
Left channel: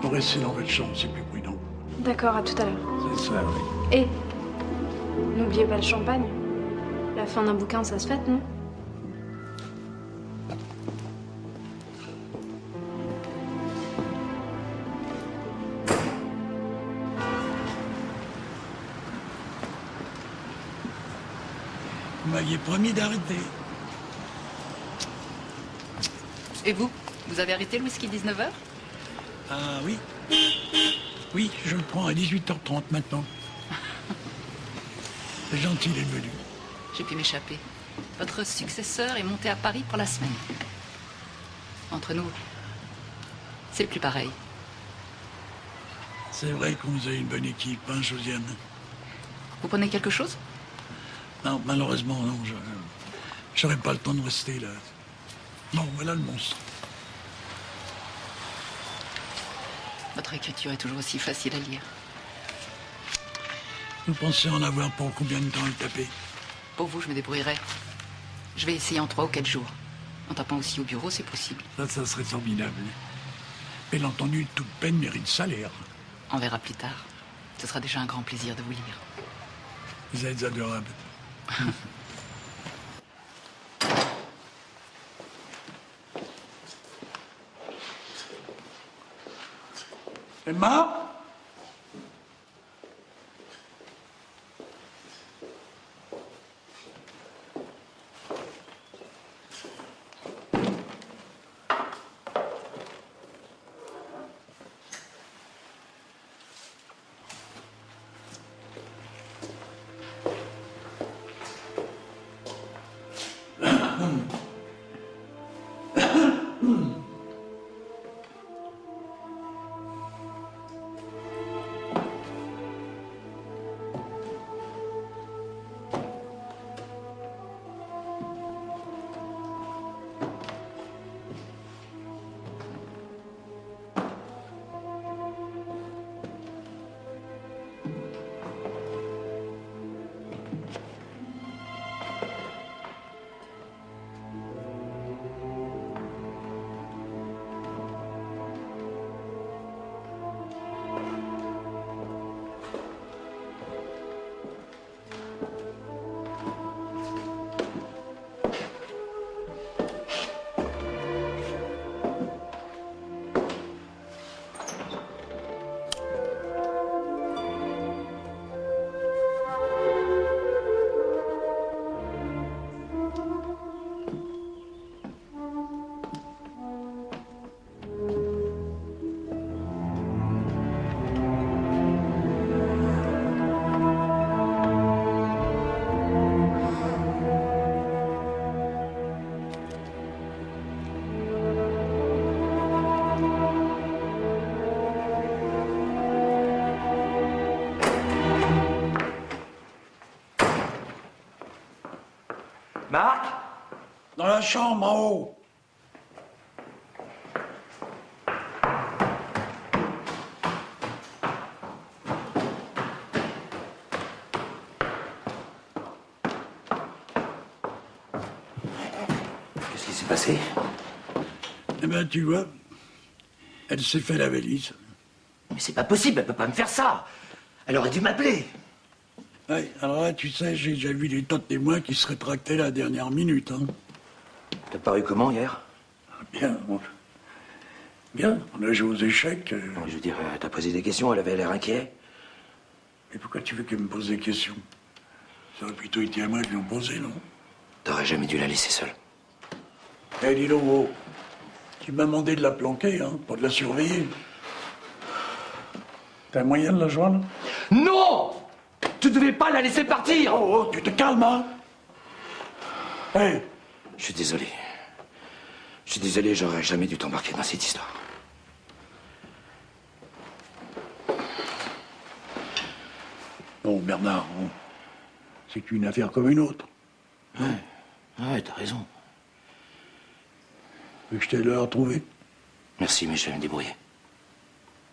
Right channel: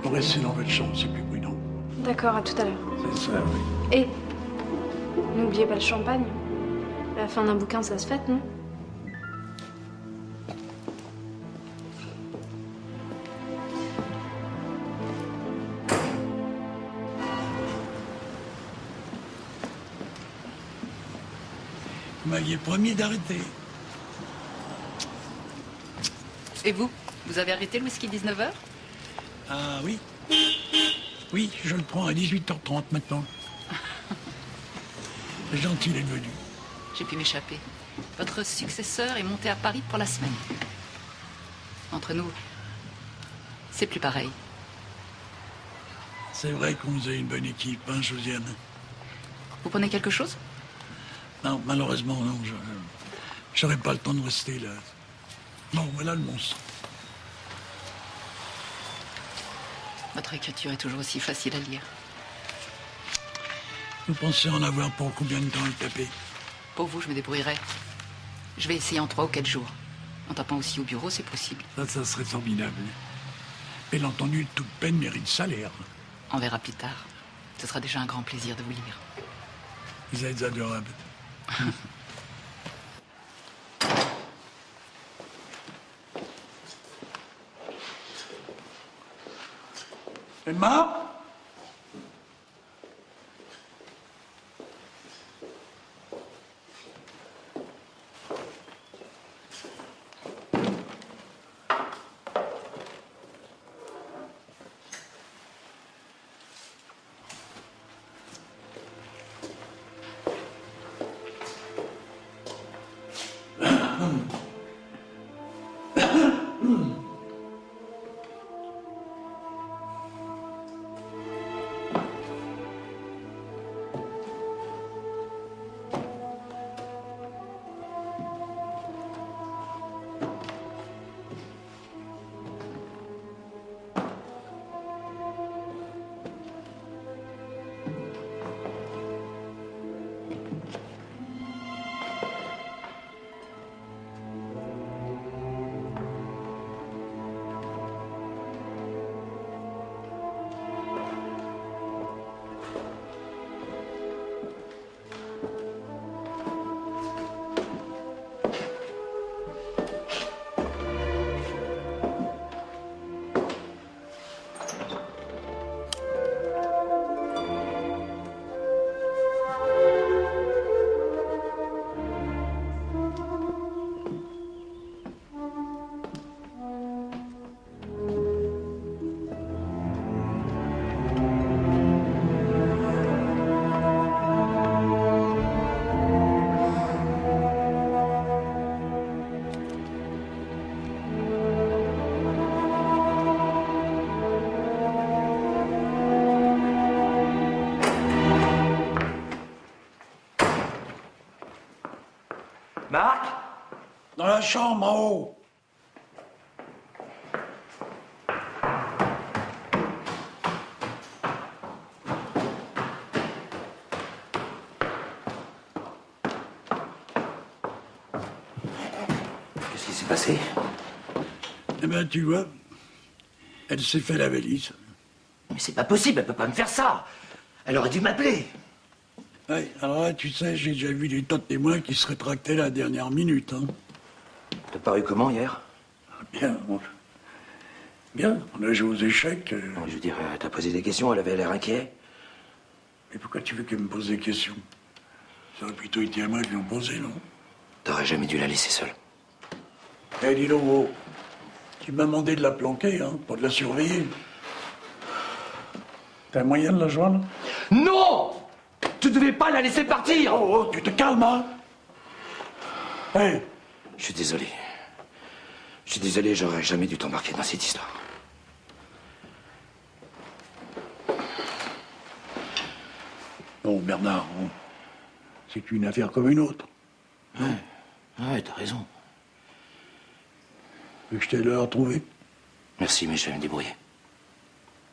Pour rester dans votre chambre, c'est plus prudent. D'accord, à tout à l'heure. C'est ça, oui. Et n'oubliez pas le champagne. La fin d'un bouquin, ça se fête, non? Vous m'aviez promis d'arrêter. Et vous? Vous avez arrêté le whisky 19h? Ah oui. Oui, je le prends à 18h30 maintenant. C'est gentil d'être venu. J'ai pu m'échapper. Votre successeur est monté à Paris pour la semaine. Entre nous, c'est plus pareil. C'est vrai qu'on vous a une bonne équipe, hein, Josiane? Vous prenez quelque chose? Non, malheureusement, non. J'aurais pas le temps de rester là. Non, voilà le monstre. Votre écriture est toujours aussi facile à lire. Vous pensez en avoir pour combien de temps à taper? Pour vous, je me débrouillerai. Je vais essayer en 3 ou 4 jours. En tapant aussi au bureau, c'est possible. Ça serait formidable. Bien entendu, toute peine mérite salaire. On verra plus tard. Ce sera déjà un grand plaisir de vous lire. Vous êtes adorable. Emma? Marc? Dans la chambre, en haut. Qu'est-ce qui s'est passé? Eh ben, tu vois, elle s'est fait la valise. Mais c'est pas possible, elle peut pas me faire ça. Elle aurait dû m'appeler. Oui, alors là, tu sais, j'ai déjà vu des tas de témoins qui se rétractaient à la dernière minute, hein. T'as paru comment hier? Bien, bien, on a joué aux échecs. Je veux dire, t'as posé des questions, elle avait l'air inquiet. Mais pourquoi tu veux qu'elle me pose des questions? Ça aurait plutôt été à moi de lui en poser, non? T'aurais jamais dû la laisser seule. Eh, dis donc, oh, tu m'as demandé de la planquer, hein, pas de la surveiller. T'as un moyen de la joindre? Non! Tu devais pas la laisser partir! Oh, tu te calmes, hein? Hey! Je suis désolé. Je suis désolé, j'aurais jamais dû t'embarquer dans cette histoire. Non, Bernard, c'est une affaire comme une autre. Ouais, t'as raison. Tu veux que je t'aide à la retrouver? Merci, mais je vais me débrouiller.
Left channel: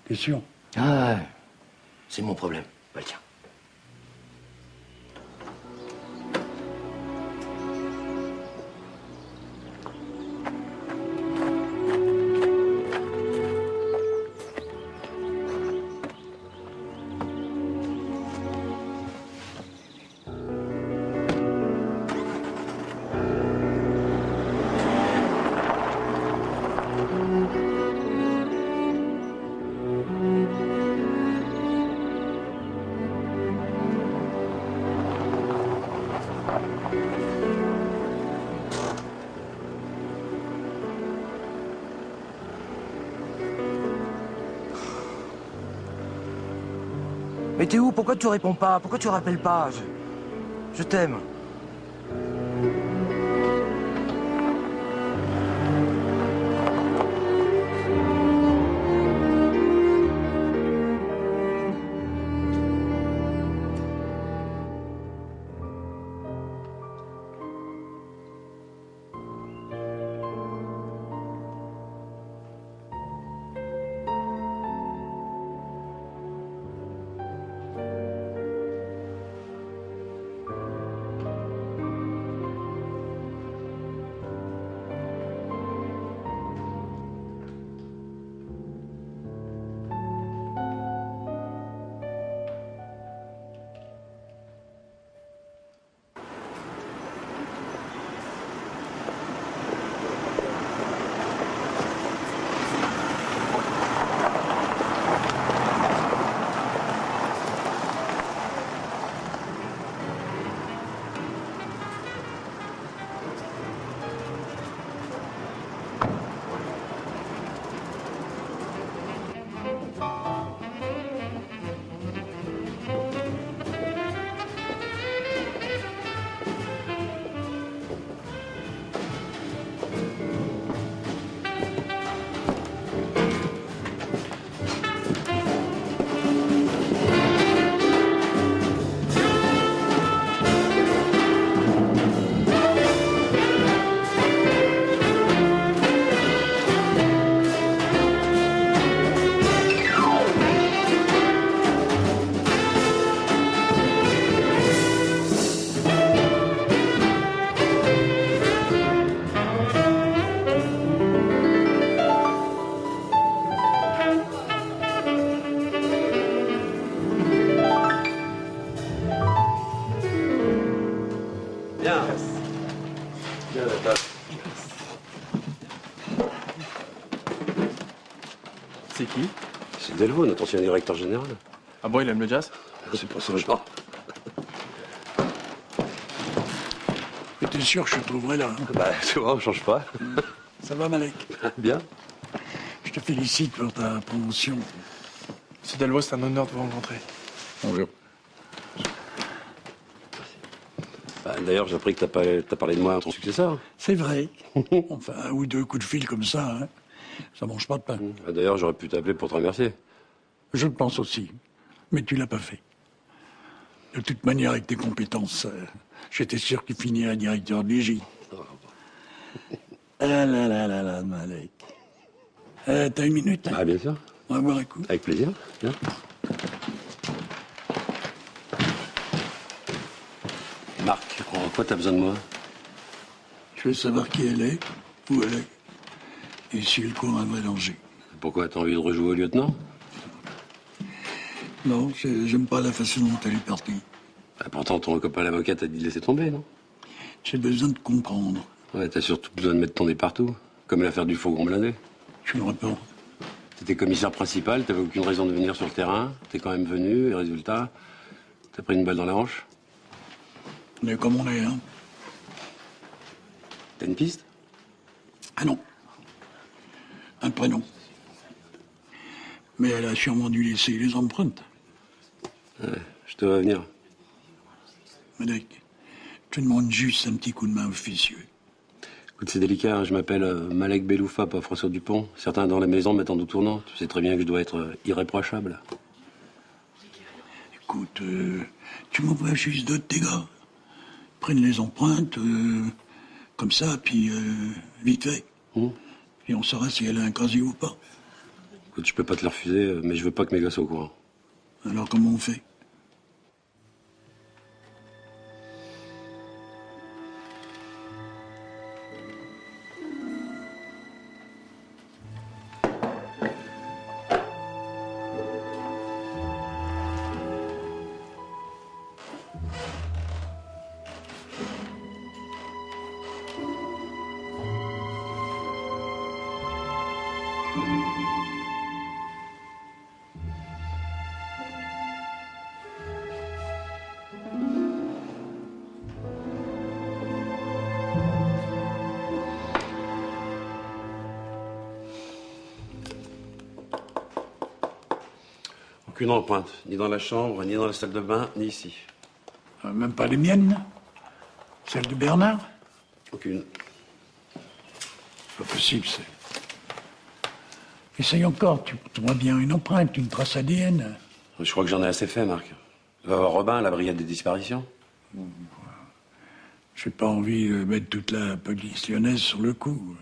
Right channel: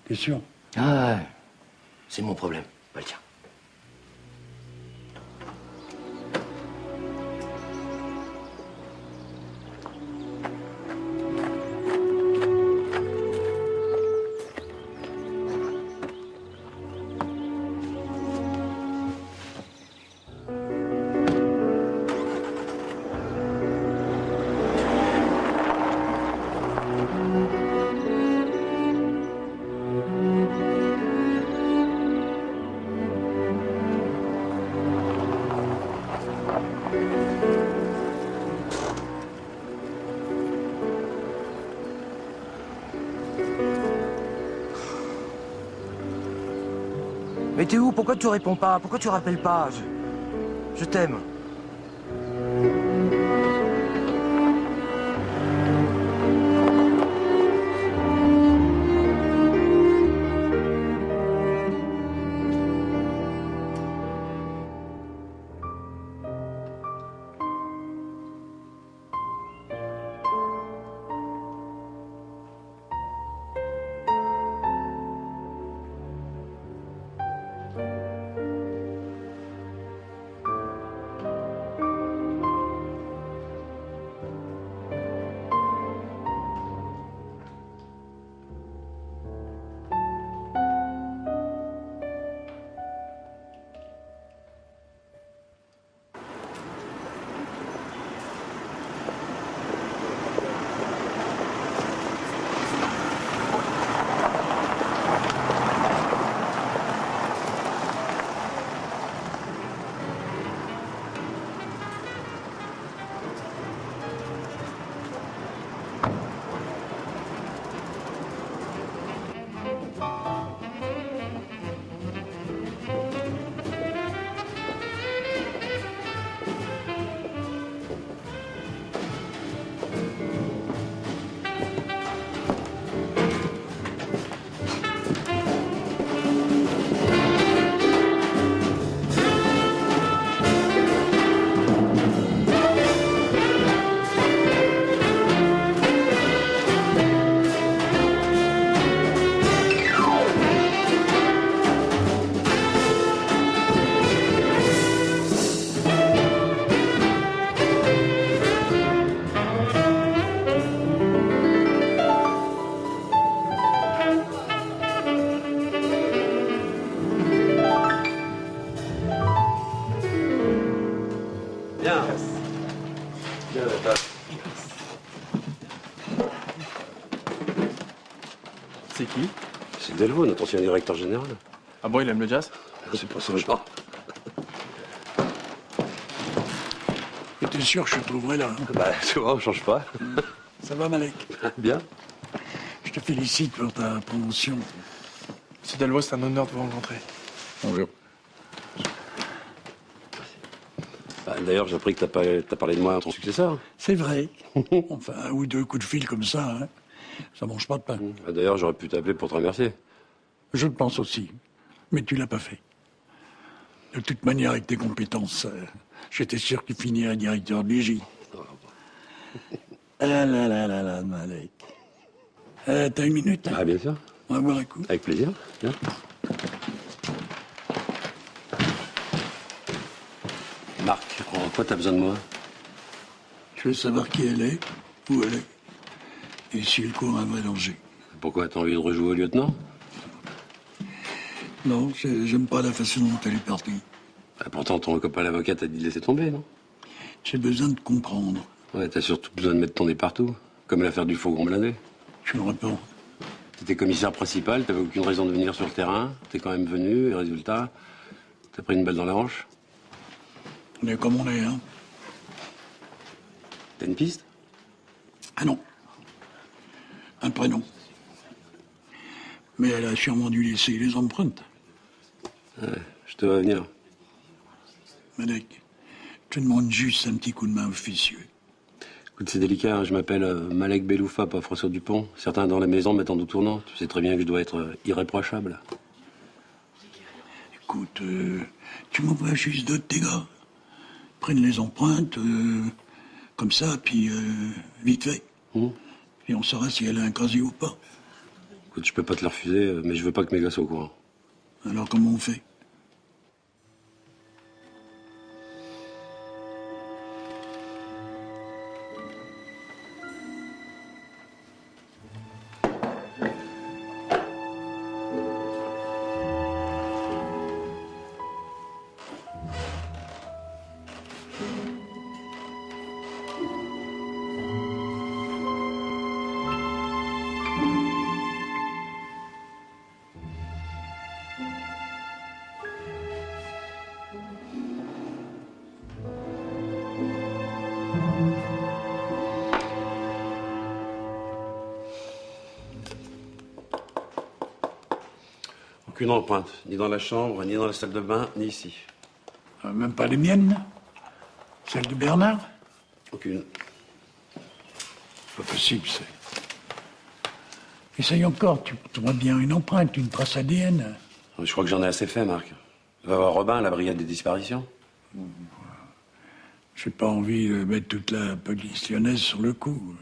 T'es sûr? Ah ouais. C'est mon problème, pas le tien. Mais Théo, pourquoi tu réponds pas? Pourquoi tu rappelles pas? Je t'aime. C'est qui? C'est Delvaux, notre ancien directeur général. Ah bon, il aime le jazz? C'est pas son genre. Mais t'es sûr que je te trouverai là, hein? Bah, tu vois, on change pas. Ça va, Malek? Bien. Je te félicite pour ta promotion. Monsieur Delvaux, c'est un honneur de vous rencontrer. Bonjour. D'ailleurs, j'ai appris que t'as parlé de moi à ton successeur. C'est vrai. Enfin, un ou deux coups de fil comme ça, hein, ça mange pas de pain. D'ailleurs, j'aurais pu t'appeler pour te remercier. Je le pense aussi. Mais tu l'as pas fait. De toute manière, avec tes compétences, j'étais sûr que tu finirais directeur de l'IJ. Ah là là là là, Malek. T'as une minute? Ah, bien sûr. On va boire un coup. Avec plaisir. Viens. Marc, en quoi t'as besoin de moi? Je veux savoir qui elle est, où elle est, et si elle court un vrai danger. Pourquoi, t'as envie de rejouer au lieutenant? Non, j'aime pas la façon dont elle est partie. Pourtant, ton copain l'avocat t'a dit de laisser tomber, non? J'ai besoin de comprendre. Ouais, t'as surtout besoin de mettre ton nez partout. Comme l'affaire du fourgon blindé. Je me réponds. T'étais commissaire principal, t'avais aucune raison de venir sur le terrain. T'es quand même venu, et résultat, t'as pris une balle dans la hanche. On est comme on est, hein. T'as une piste? Ah non. Un prénom. Mais elle a sûrement dû laisser les empreintes. Ouais, je te vois venir. Malek, je te demande juste un petit coup de main officieux. Écoute, c'est délicat, hein. Je m'appelle Malek Beloufa, pas François Dupont. Certains dans la maison me mettent en doute tournant. Tu sais très bien que je dois être irréprochable. Écoute, tu m'envoies juste deux de tes gars. Prennent les empreintes, comme ça, puis vite fait. Puis on saura si elle a un casier ou pas. Écoute, je peux pas te le refuser, mais je veux pas que mes gars soient au courant. Alors comment on fait? Aucune empreinte, ni dans la chambre, ni dans la salle de bain, ni ici. Même pas les miennes? Celle de Bernard? Aucune. Pas possible, c'est. Essaye encore, tu trouveras bien une empreinte, une trace ADN. Je crois que j'en ai assez fait, Marc. Va voir Robin, la brigade des disparitions. J'ai pas envie de mettre toute la police lyonnaise sur le coup.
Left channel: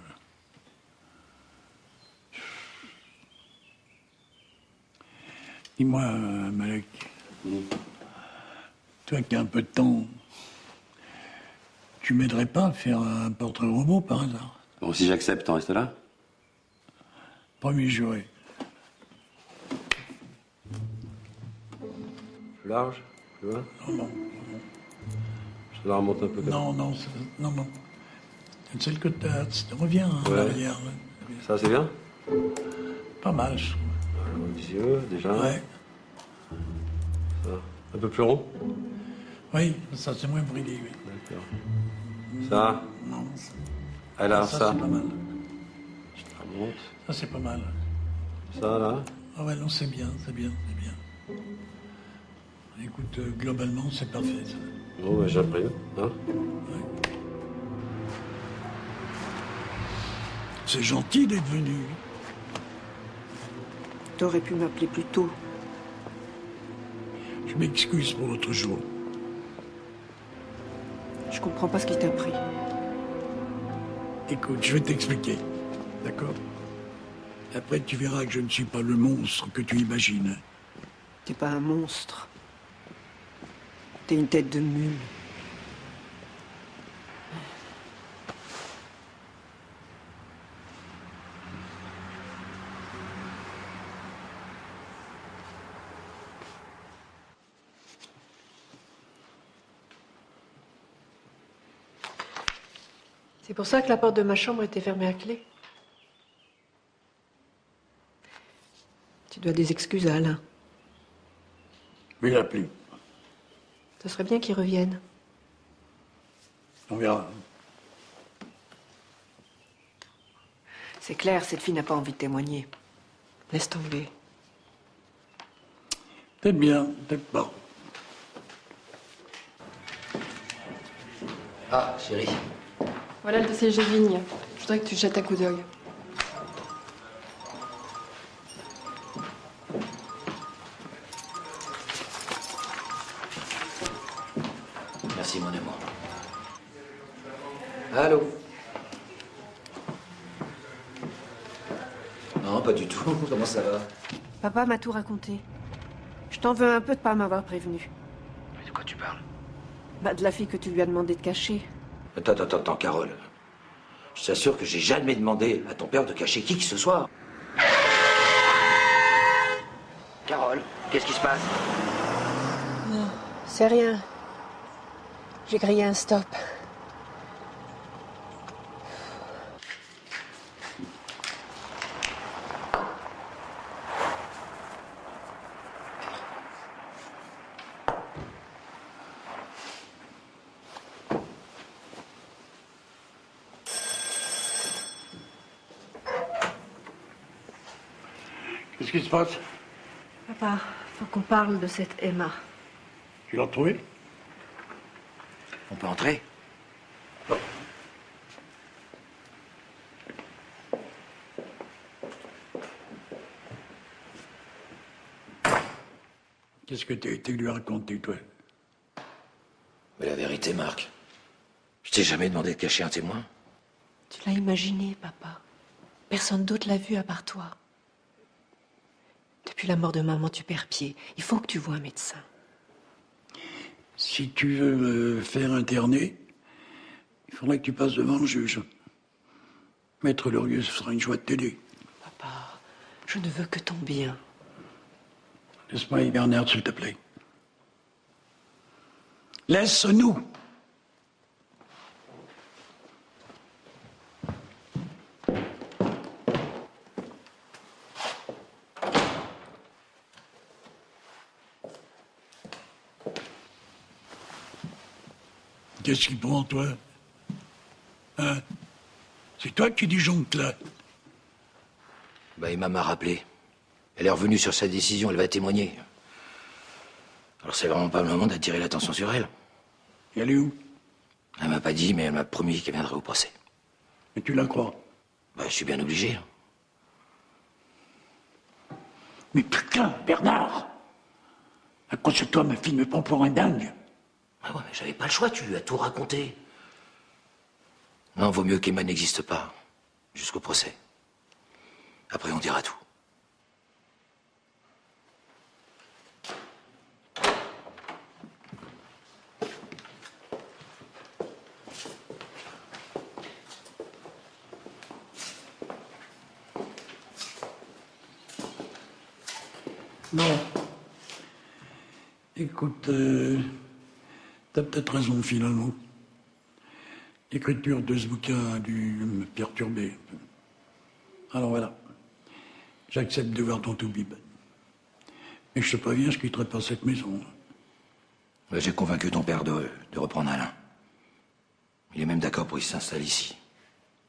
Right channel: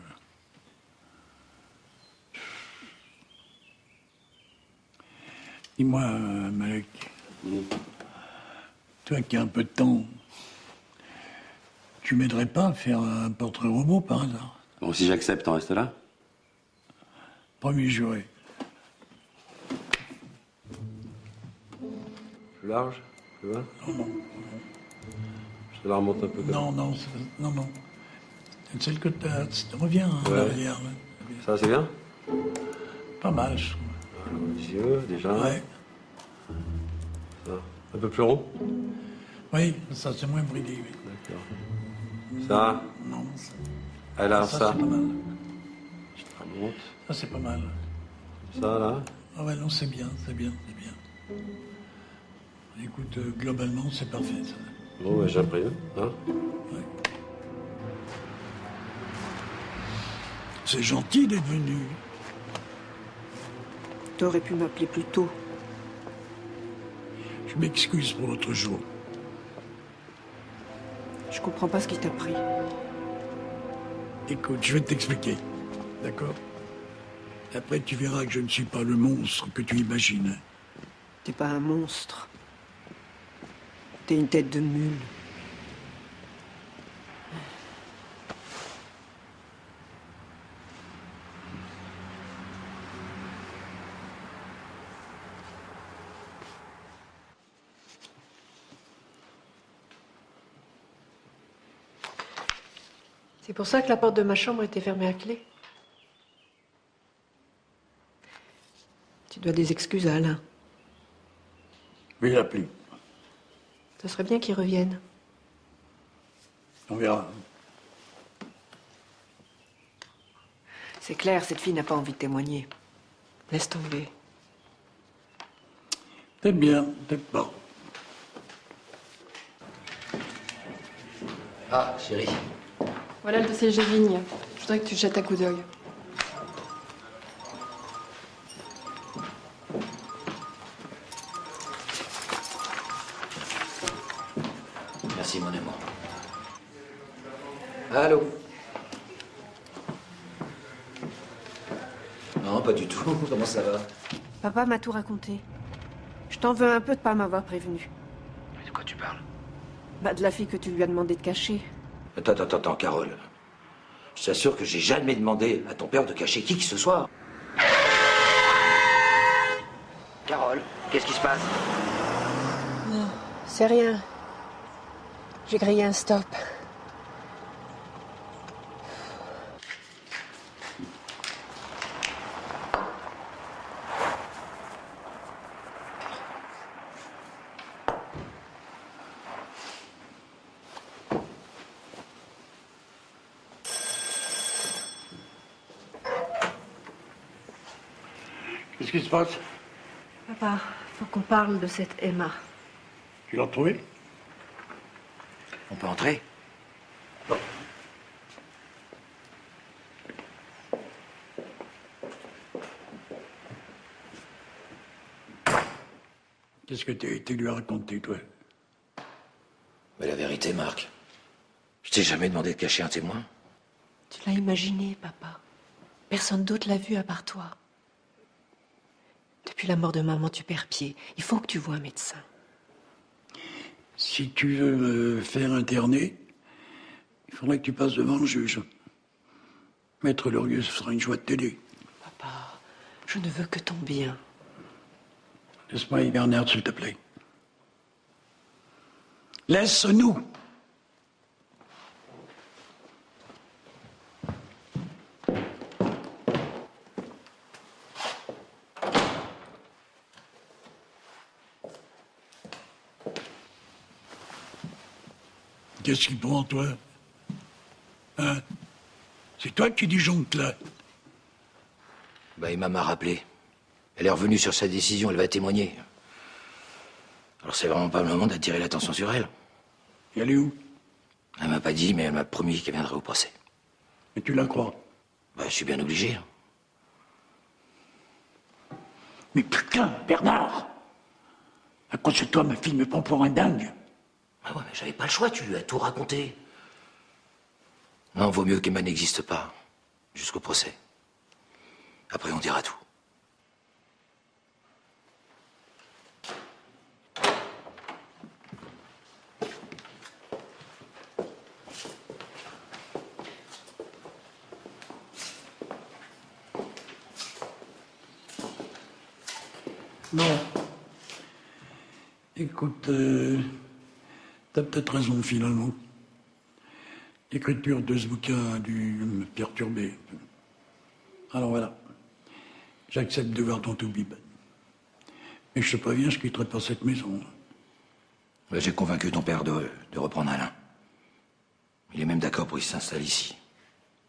Dis-moi, Malek, toi qui as un peu de temps, tu m'aiderais pas à faire un portrait robot par hasard? Bon, si j'accepte, t'en restes là? Premier juré. Plus large? Plus bas? Non, non. Je te la remonte un peu. Non, non, non, non. C'est celle que t'as. Reviens, hein, Ouais. reviens. Ça, c'est bien? Pas mal. Les yeux, déjà. Ouais. Ça. Un peu plus rond? Oui, ça c'est moins bridé, oui. Ça? Non. Ah, là, Ça, ça. c'est pas mal. Je te remonte. Ça c'est pas mal. Ça, là. Ah ouais, non, c'est bien, c'est bien, c'est bien. Écoute, globalement, c'est parfait, ça. Bon, j'ai un peu, hein? Ouais. C'est gentil d'être venu. T'aurais pu m'appeler plus tôt. Je m'excuse pour l'autre jour. Je comprends pas ce qui t'a pris. Écoute, je vais t'expliquer. D'accord? Après, tu verras que je ne suis pas le monstre que tu imagines. T'es pas un monstre. T'es une tête de mule. C'est pour ça que la porte de ma chambre était fermée à clé. Tu dois des excuses à Alain. Je vais l'appeler. Ce serait bien qu'il revienne. On verra. C'est clair, cette fille n'a pas envie de témoigner. Laisse tomber. Peut-être bien, peut-être pas. Ah, chérie. Voilà le dossier Gévigne. Je voudrais que tu jettes un coup d'œil. Merci, mon amour. Allô? Non, pas du tout. Comment ça va? Papa m'a tout raconté. Je t'en veux un peu de pas m'avoir prévenu. De quoi tu parles? Bah, de la fille que tu lui as demandé de cacher. Attends, Carole. Je t'assure que j'ai jamais demandé à ton père de cacher qui que ce soit. Carole, qu'est-ce qui se passe? Non, c'est rien. J'ai grillé un stop. Qu'est-ce qui se passe? Papa, faut qu'on parle de cette Emma. Tu l'as retrouvée? On peut entrer? Qu'est-ce que t'as été lui raconter, toi? Mais la vérité, Marc, je t'ai jamais demandé de cacher un témoin. Tu l'as imaginé, papa. Personne d'autre l'a vu à part toi. Depuis la mort de maman, tu perds pied. Il faut que tu vois un médecin. Si tu veux me faire interner, il faudrait que tu passes devant le juge. Maître Lorieux, ce sera une joie de t'aider. Papa, je ne veux que ton bien. Laisse-moi Bernard, s'il te plaît. Laisse-nous! Qu'est-ce qui prend, toi? Hein? C'est toi qui disjonctes, là. Bah, Emma m'a rappelé. Elle est revenue sur sa décision, elle va témoigner. Alors c'est vraiment pas le moment d'attirer l'attention sur elle. Et elle est où? Elle m'a pas dit, mais elle m'a promis qu'elle viendrait au procès. Et tu la crois? Bah, je suis bien obligé. Mais putain, Bernard! À cause de toi, ma fille me prend pour un dingue. Ah ouais, mais j'avais pas le choix, tu lui as tout raconté. Non, vaut mieux qu'Emma n'existe pas. Jusqu'au procès. Après, on dira tout. Non. Écoute, t'as peut-être raison, finalement. L'écriture de ce bouquin a dû me perturber. Alors voilà. J'accepte de voir ton toubib. Mais je te préviens, je quitterai pas cette maison. Bah, j'ai convaincu ton père de reprendre Alain. Il est même d'accord pour qu'il s'installe ici.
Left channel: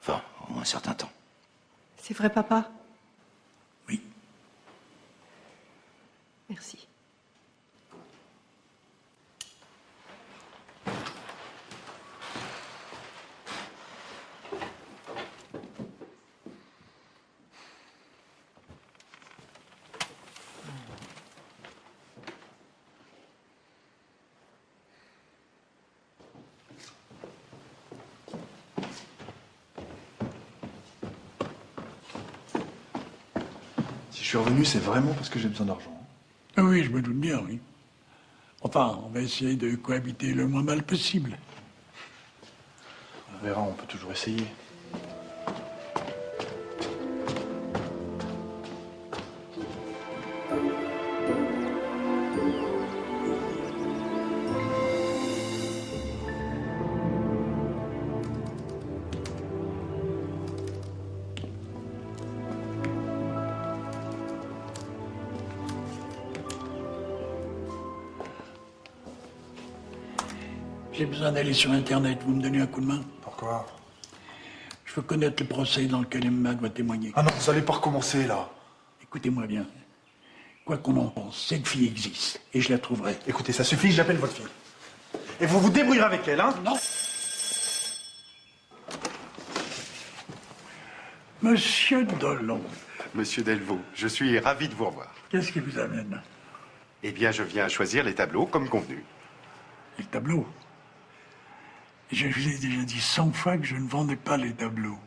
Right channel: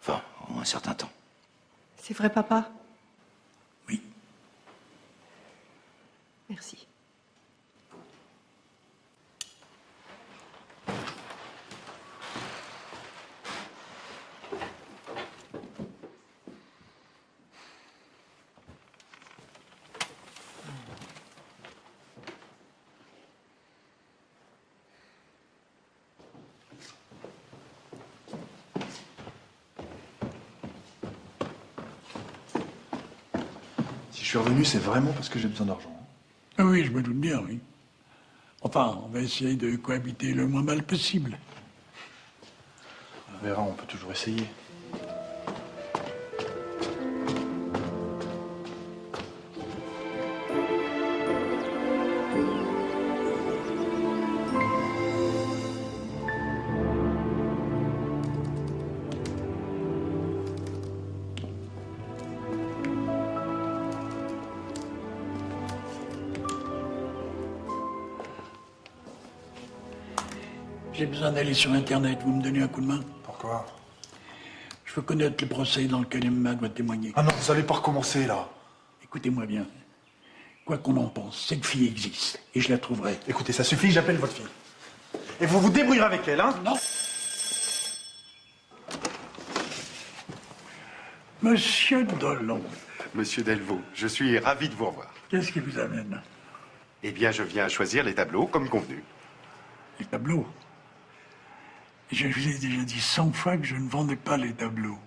Enfin, au moins un certain temps. C'est vrai, papa? Oui. Merci. Si je suis revenu, c'est vraiment parce que j'ai besoin d'argent. Ah oui, je me doute bien, oui. Enfin, on va essayer de cohabiter le moins mal possible. On verra, on peut toujours essayer. j'ai besoin d'aller sur Internet. Vous me donnez un coup de main? Pourquoi? Je veux connaître le procès dans lequel Emma doit témoigner. Ah non, ça n'allait pas recommencer, là. Écoutez-moi bien. Quoi qu'on en pense, cette fille existe. Et je la trouverai. Écoutez, ça suffit, j'appelle votre fille. Et vous vous débrouillerez avec elle, hein? Non. Monsieur Dollon. Monsieur Delvaux, je suis ravi de vous revoir. Qu'est-ce qui vous amène? Eh bien, je viens choisir les tableaux comme convenu. Les tableaux? Je vous ai déjà dit 100 fois que je ne vendais pas les tableaux.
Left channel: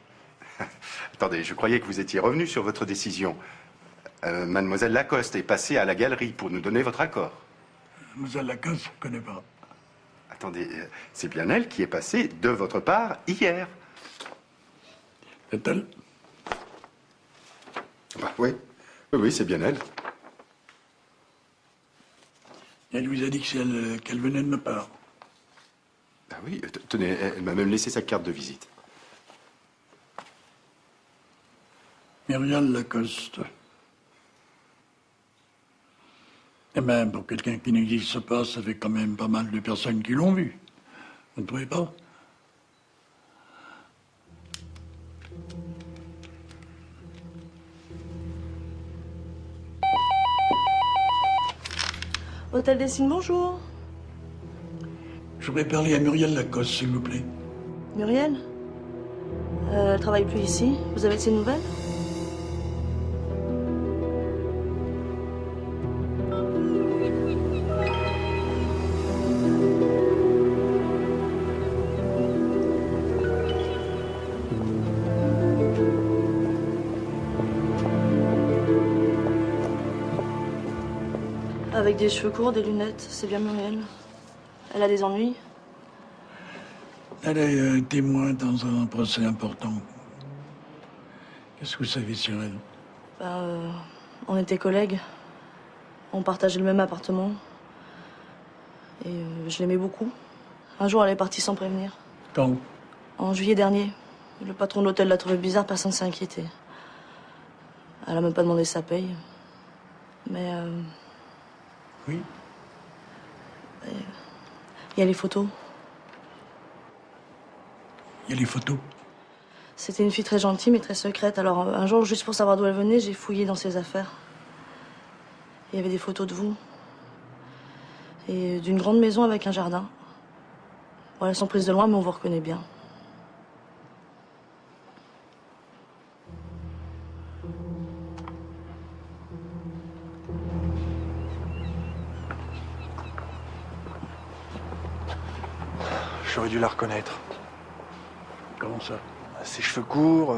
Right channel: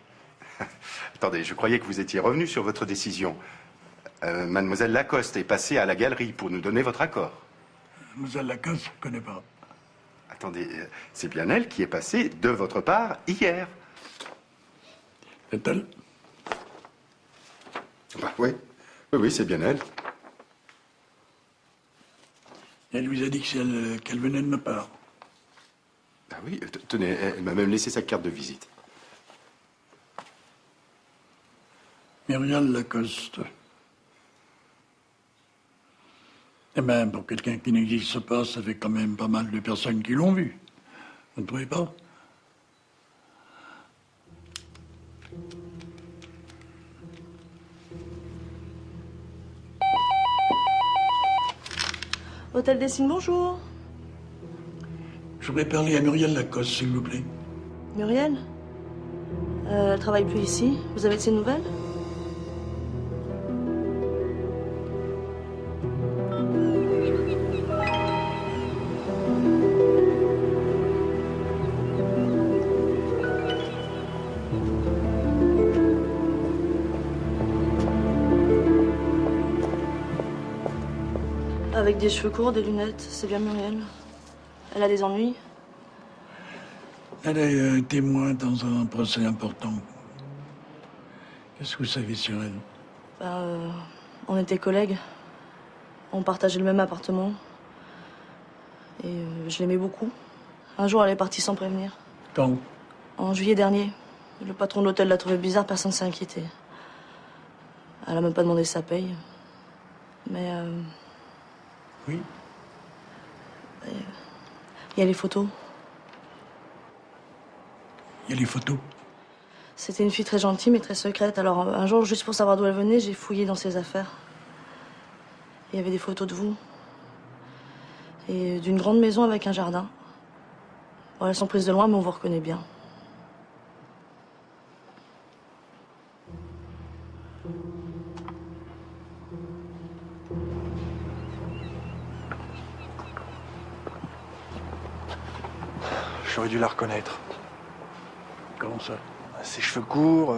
Attendez, je croyais que vous étiez revenu sur votre décision. Mademoiselle Lacoste est passée à la galerie pour nous donner votre accord. Mademoiselle Lacoste, je ne connais pas. Attendez, c'est bien elle qui est passée de votre part hier. Est-elle? Ah, oui, oui, c'est bien elle. Elle vous a dit qu'elle venait de ma part. Ah oui, tenez, elle m'a même laissé sa carte de visite. Muriel Lacoste. Eh bien, pour quelqu'un qui n'existe pas, ça fait quand même pas mal de personnes qui l'ont vu. Vous ne trouvez pas? Hôtel Dessine, bonjour. Je voudrais parler à Muriel Lacoste, s'il vous plaît. Muriel? Elle travaille plus ici. Vous avez de ses nouvelles? Avec des cheveux courts, des lunettes, c'est bien Muriel. Elle a des ennuis? Elle est témoin dans un procès important. Qu'est-ce que vous savez sur elle? On était collègues. On partageait le même appartement. Et je l'aimais beaucoup. Un jour, elle est partie sans prévenir. Quand? En juillet dernier. Le patron de l'hôtel l'a trouvé bizarre, personne ne s'est inquiété. Elle a même pas demandé sa paye. Mais... Oui? Il y a les photos. Il y a les photos? C'était une fille très gentille, mais très secrète. Alors, un jour, juste pour savoir d'où elle venait, j'ai fouillé dans ses affaires. Il y avait des photos de vous. Et d'une grande maison avec un jardin. Bon, elles sont prises de loin, mais on vous reconnaît bien. J'aurais dû la reconnaître. Comment ça? Ses cheveux courts,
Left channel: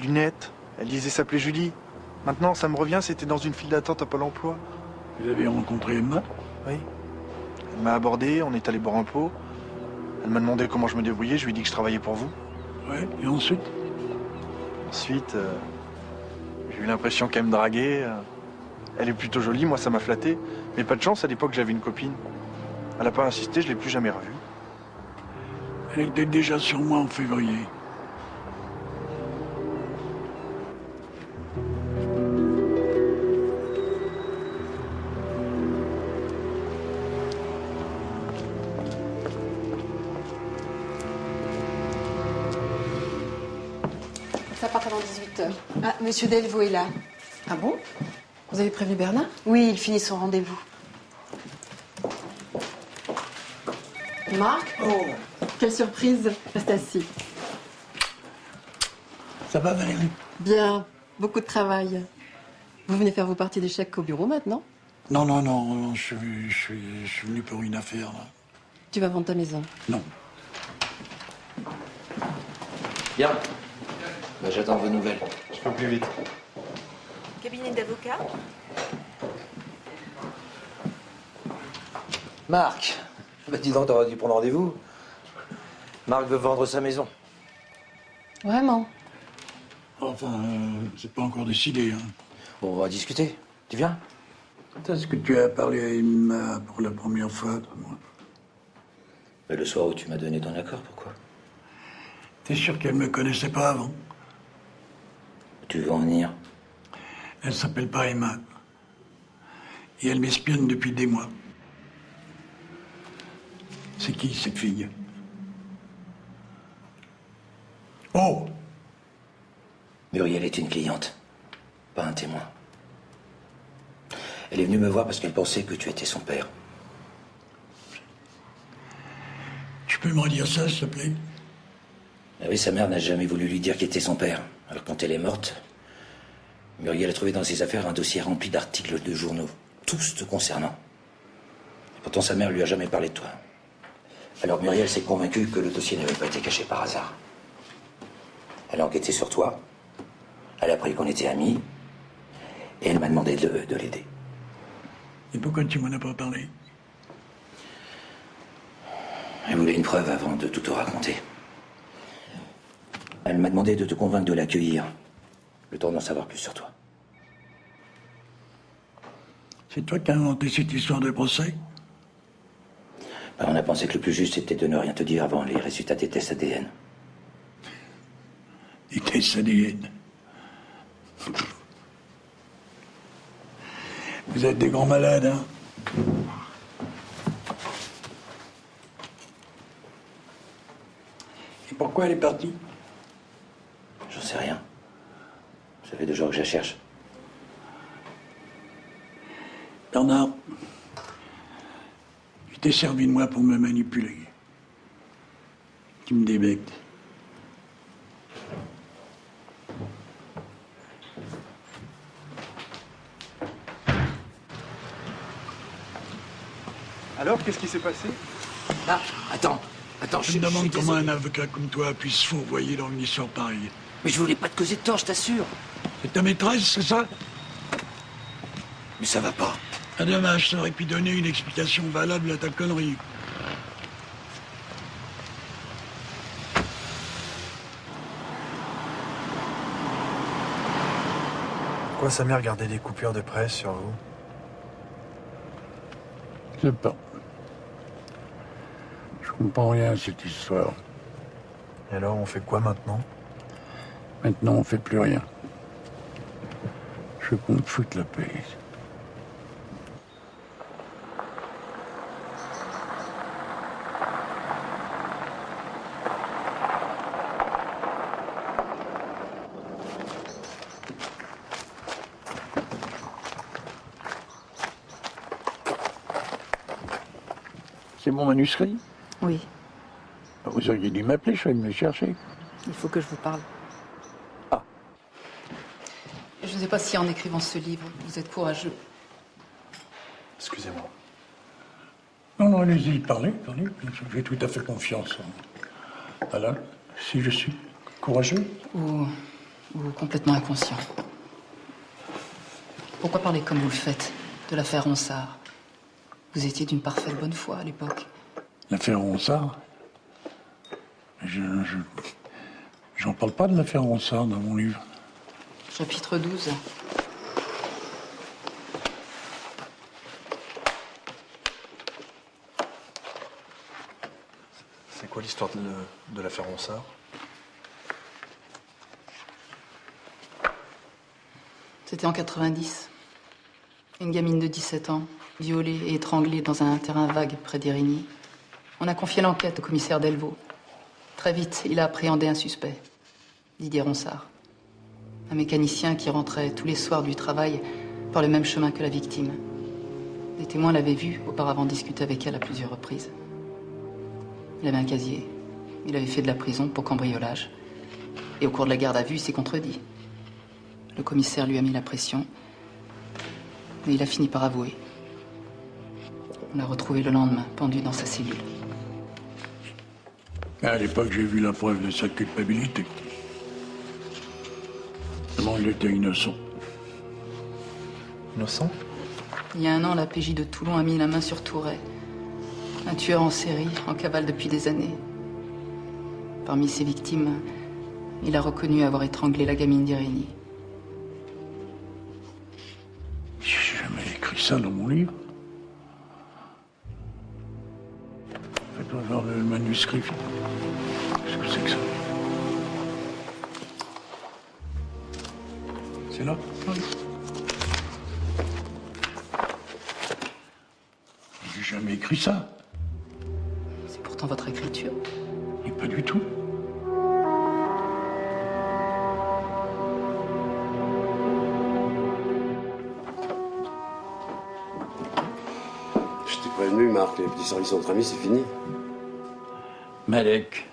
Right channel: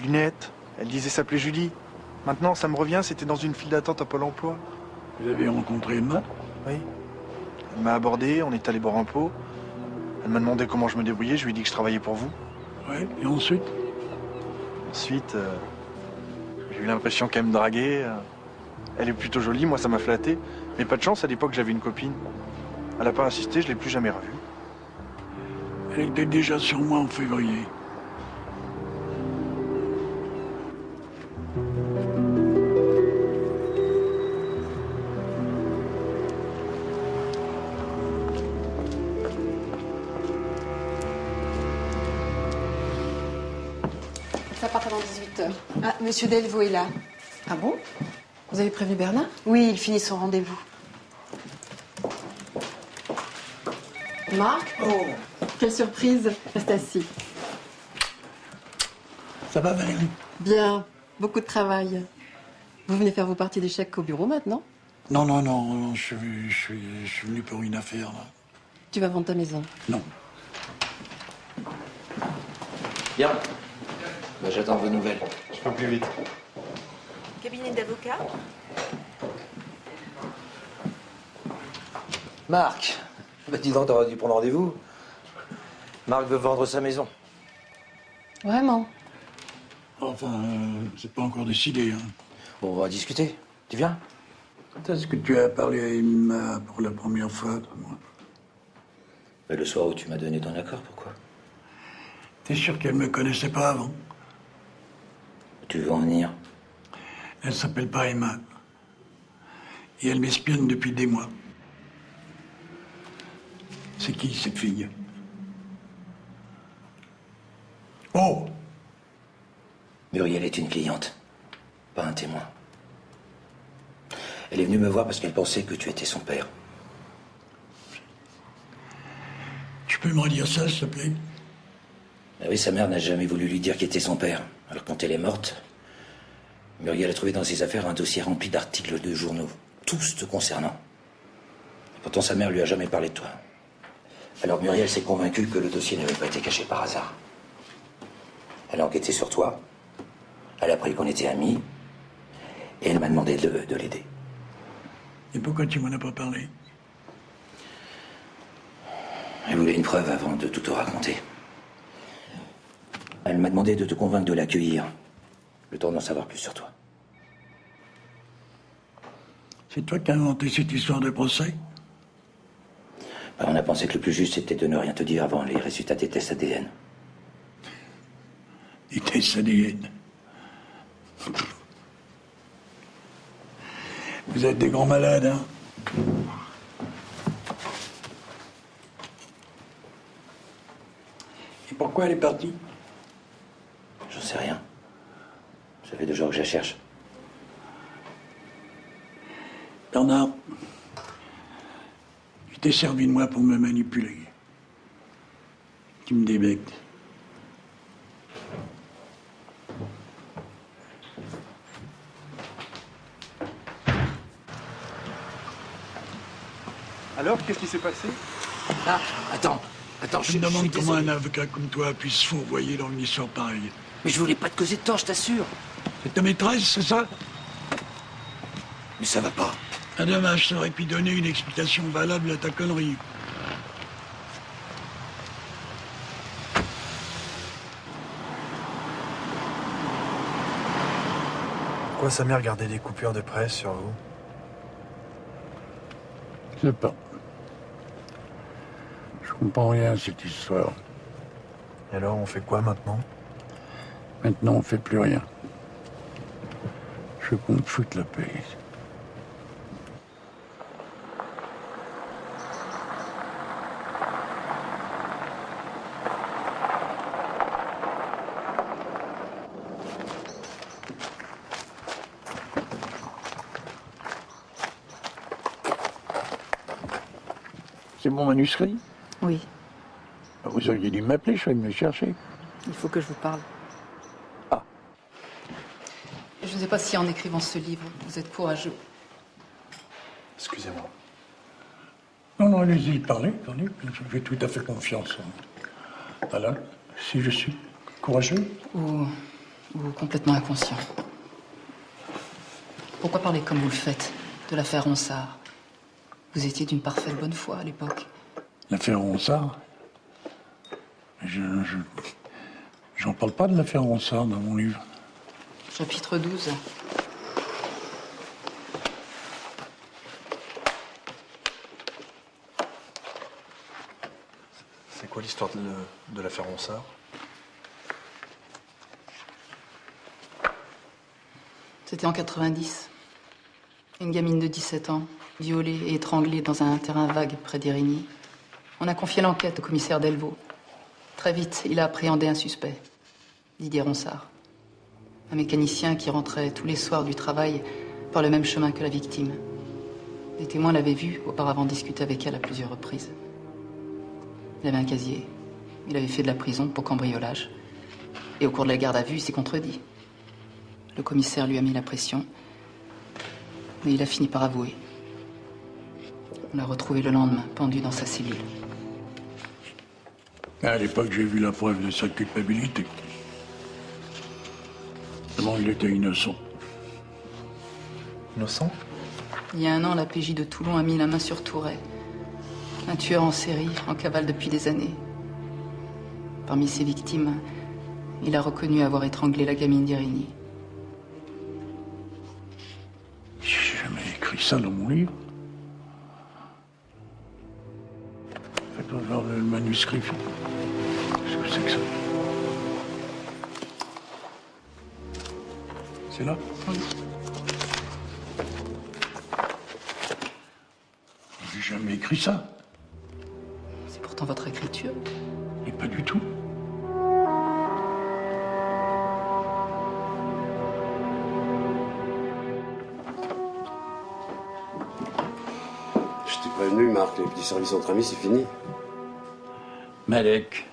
lunettes. Elle disait s'appeler Julie. Maintenant, ça me revient, c'était dans une file d'attente à Pôle emploi. Vous avez rencontré Emma? Oui. Elle m'a abordé, on est allé boire un pot. Elle m'a demandé comment je me débrouillais, je lui ai dit que je travaillais pour vous. Oui, et ensuite? Ensuite, j'ai eu l'impression qu'elle me draguait. Elle est plutôt jolie, moi ça m'a flatté. Mais pas de chance, à l'époque j'avais une copine. Elle n'a pas insisté, je l'ai plus jamais revue. Elle était déjà sur moi en février. Ça part avant 18h. Ah, monsieur Delvaux est là. Ah bon? Vous avez prévenu Bernard? Oui, il finit son rendez-vous. Marc? Oh, quelle surprise. Reste assis. Ça va, Valérie? Bien. Beaucoup de travail. Vous venez faire vos parties d'échecs au bureau maintenant? Non, non, non, je suis venu pour une affaire, là. Tu vas vendre ta maison? Non. Bien. Bah, j'attends vos nouvelles. Je peux plus vite. Cabinet d'avocat? Marc. Bah, dis donc, t'aurais dû prendre rendez-vous. Marc veut vendre sa maison. Vraiment? Enfin, c'est pas encore décidé, hein. Bon, on va discuter. Tu viens? Est-ce que tu as parlé à Emma pour la première fois, toi, moi? Mais le soir où tu m'as donné ton accord, pourquoi? T'es sûr qu'elle me connaissait pas avant? Tu veux en venir? Elle s'appelle pas Emma. Et elle m'espionne depuis des mois. C'est qui, cette fille? Oh! Muriel est une cliente, pas un témoin. Elle est venue me voir parce qu'elle pensait que tu étais son père. Tu peux me redire ça, s'il te plaît? Ah oui, sa mère n'a jamais voulu lui dire qui était son père. Alors quand elle est morte, Muriel a trouvé dans ses affaires un dossier rempli d'articles de journaux, tous te concernant. Et pourtant sa mère lui a jamais parlé de toi. Alors Muriel s'est convaincue que le dossier n'avait pas été caché par hasard. Elle a enquêté sur toi, elle a appris qu'on était amis, et elle m'a demandé de l'aider. Et pourquoi tu m'en as pas parlé? Elle voulait une preuve avant de tout te raconter. Elle m'a demandé de te convaincre de l'accueillir, le temps d'en savoir plus sur toi. C'est toi qui as inventé cette histoire de procès? Ben, on a pensé que le plus juste était de ne rien te dire avant les résultats des tests ADN. Des tests ADN? Vous êtes des grands malades, hein? Et pourquoi elle est partie? J'en sais rien. Ça fait 2 jours que je la cherche. Bernard, tu t'es servi de moi pour me manipuler. Tu me débectes. Alors, qu'est-ce qui s'est passé? Ah, attends, je suis Comment désolé. un avocat comme toi puisse fourvoyer dans une histoire pareille? Mais je voulais pas te causer de tort, je t'assure. C'est ta maîtresse, c'est ça? Mais ça va pas. Ah dommage, ça aurait pu donner une explication valable à ta connerie. Pourquoi sa mère gardait des coupures de presse sur vous? Je sais pas. Je comprends rien à cette histoire. Et alors, on fait quoi maintenant? Maintenant, on fait plus rien. Je veux qu'on me foute la paix. C'est mon manuscrit? Oui. Vous auriez dû m'appeler, je vais me le chercher. Il faut que je vous parle. Je ne sais pas si en écrivant ce livre, vous êtes courageux. Excusez-moi. Non, allez-y, parlez. Je fais tout à fait confiance. Alors, si je suis courageux? Ou complètement inconscient. Pourquoi parler comme vous le faites de l'affaire Ronsard? Vous étiez d'une parfaite bonne foi à l'époque. L'affaire Ronsard? J'en parle pas de l'affaire Ronsard dans mon livre. Chapitre 12. C'est quoi l'histoire de l'affaire Ronsard? C'était en 90. Une gamine de 17 ans, violée et étranglée dans un terrain vague près d'Érigny. On a confié l'enquête au commissaire Delvaux. Très vite, il a appréhendé un suspect, Didier Ronsard. Un mécanicien qui rentrait tous les soirs du travail par le même chemin que la victime. Les témoins l'avaient vu auparavant discuter avec elle à plusieurs reprises. Il avait un casier. Il avait fait de la prison pour cambriolage. Et au cours de la garde à vue, il s'est contredit. Le commissaire lui a mis la pression. Mais il a fini par avouer. On l'a retrouvé le lendemain, pendu dans sa cellule. À l'époque, j'ai vu la preuve de sa culpabilité. Comment il était innocent. Innocent? Il y a 1 an, la PJ de Toulon a mis la main sur Touret. Un tueur en série, en cavale depuis des années. Parmi ses victimes, il a reconnu avoir étranglé la gamine d'Érigny. J'ai jamais écrit ça dans mon livre. Faites voir le manuscrit. Qu'est-ce que c'est que ça? C'est là? J'ai jamais écrit ça. pourtant votre écriture. Et pas du tout. Je t'ai prévenu, Marc, les petits services entre amis, c'est fini. Malek,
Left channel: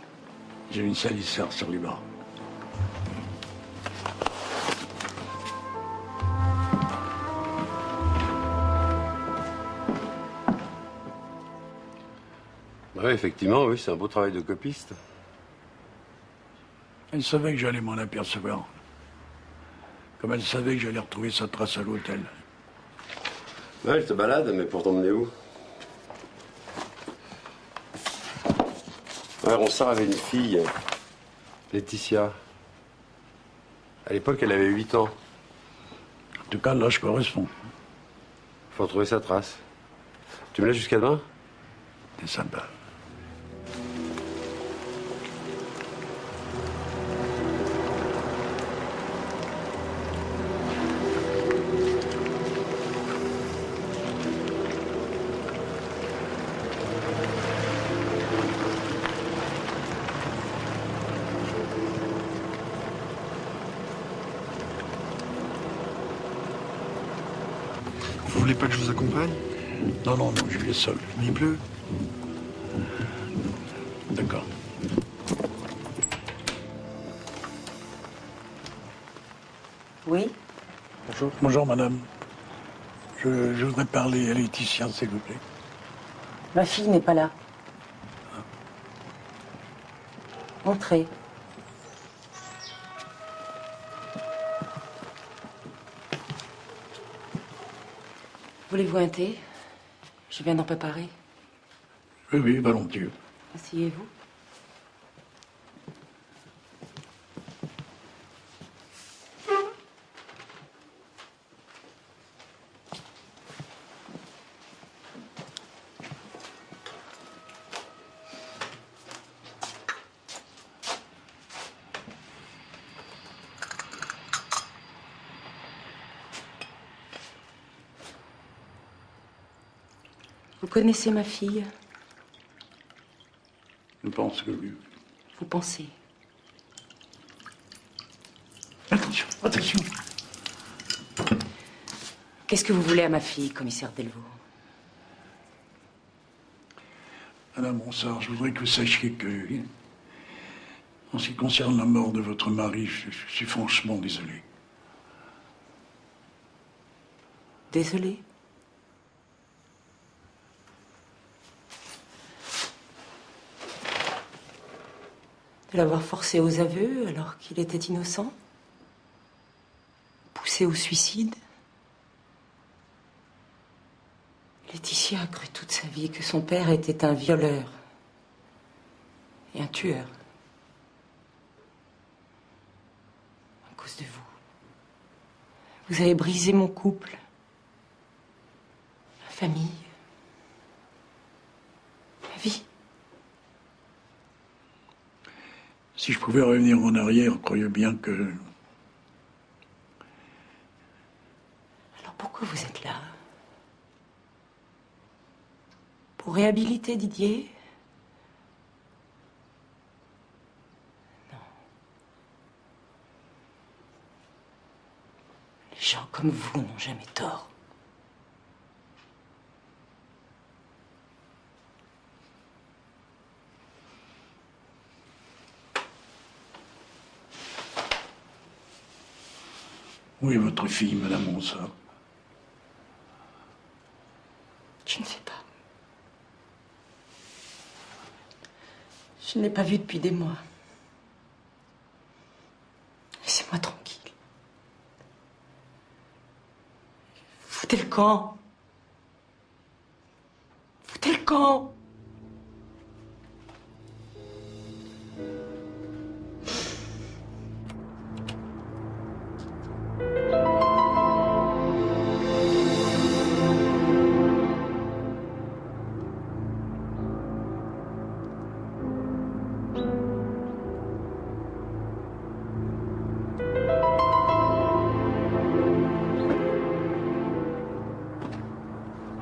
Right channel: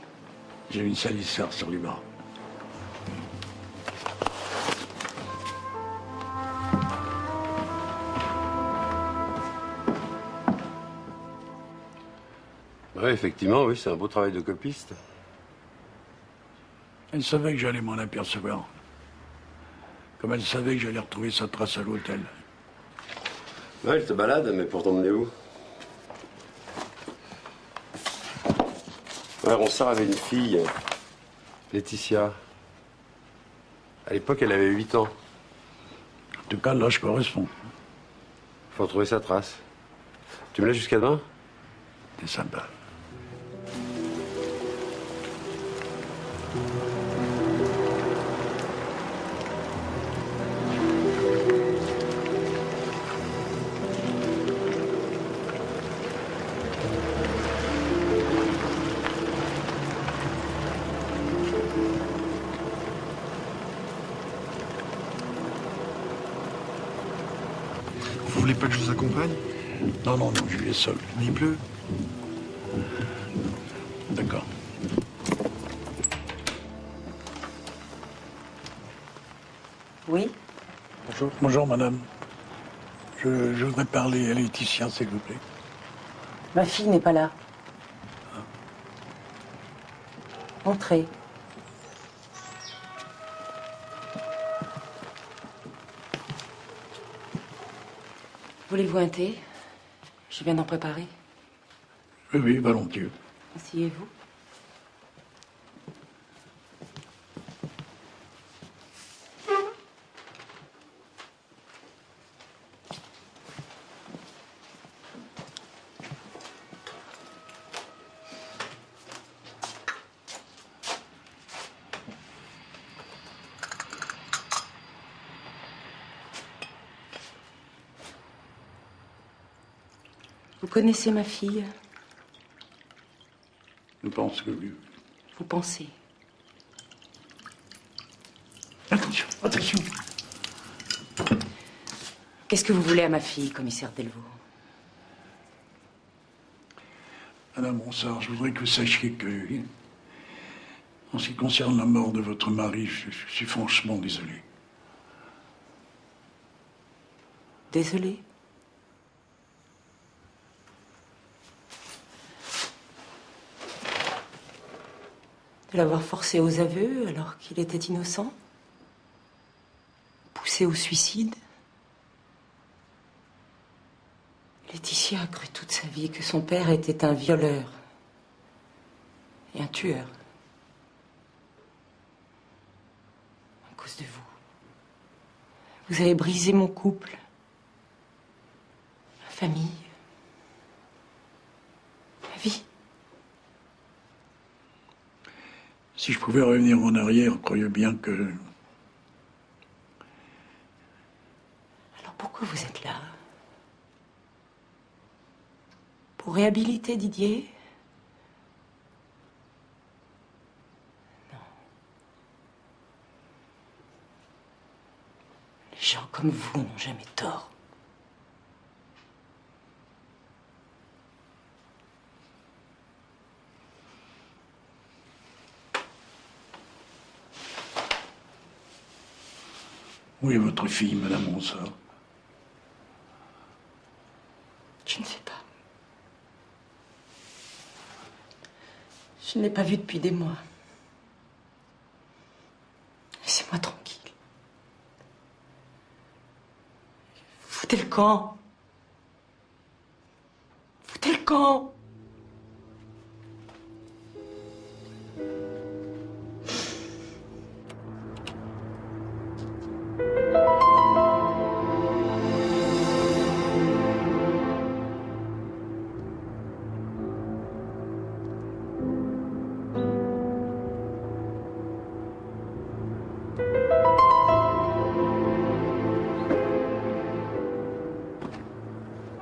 j'ai une salisseur sur les bras. Ouais, effectivement, oui, c'est un beau travail de copiste. Elle savait que j'allais m'en apercevoir. Comme elle savait que j'allais retrouver sa trace à l'hôtel. Ouais, elle te balade, mais pour t'emmener où? Ouais, Ronsard avait une fille, Laetitia. À l'époque, elle avait 8 ans. En tout cas, l'âge correspond. Faut retrouver sa trace. Tu me laisses jusqu'à demain? T'es sympa. Vous voulez pas que je vous accompagne? Non, non, non, je vais seul. Il pleut. D'accord. Oui? Bonjour. Bonjour, madame. Je voudrais parler à Laetitia, s'il vous plaît. Ma fille n'est pas là. Entrez. Voulez-vous un thé? Je viens d'en préparer. Oui, oui, volontiers. Asseyez-vous. Vous connaissez ma fille? Je pense que oui. Vous pensez? Attention, attention. Qu'est-ce que vous voulez à ma fille, commissaire Delvaux? Madame Ronsard, je voudrais que vous sachiez que, en ce qui concerne la mort de votre mari, je suis franchement désolé. Désolé? De l'avoir forcé aux aveux alors qu'il était innocent? Poussé au suicide? Laetitia a cru toute sa vie que son père était un violeur et un tueur. À cause de vous. Vous avez brisé mon couple, ma famille, ma vie. Si je pouvais revenir en arrière, croyez bien que... Alors pourquoi vous êtes là? Pour réhabiliter Didier? Non. Les gens comme vous n'ont jamais tort. Où est votre fille, madame Ronsard? Je ne sais pas. Je ne l'ai pas vue depuis des mois. Laissez-moi tranquille. Foutez le camp. Foutez le camp.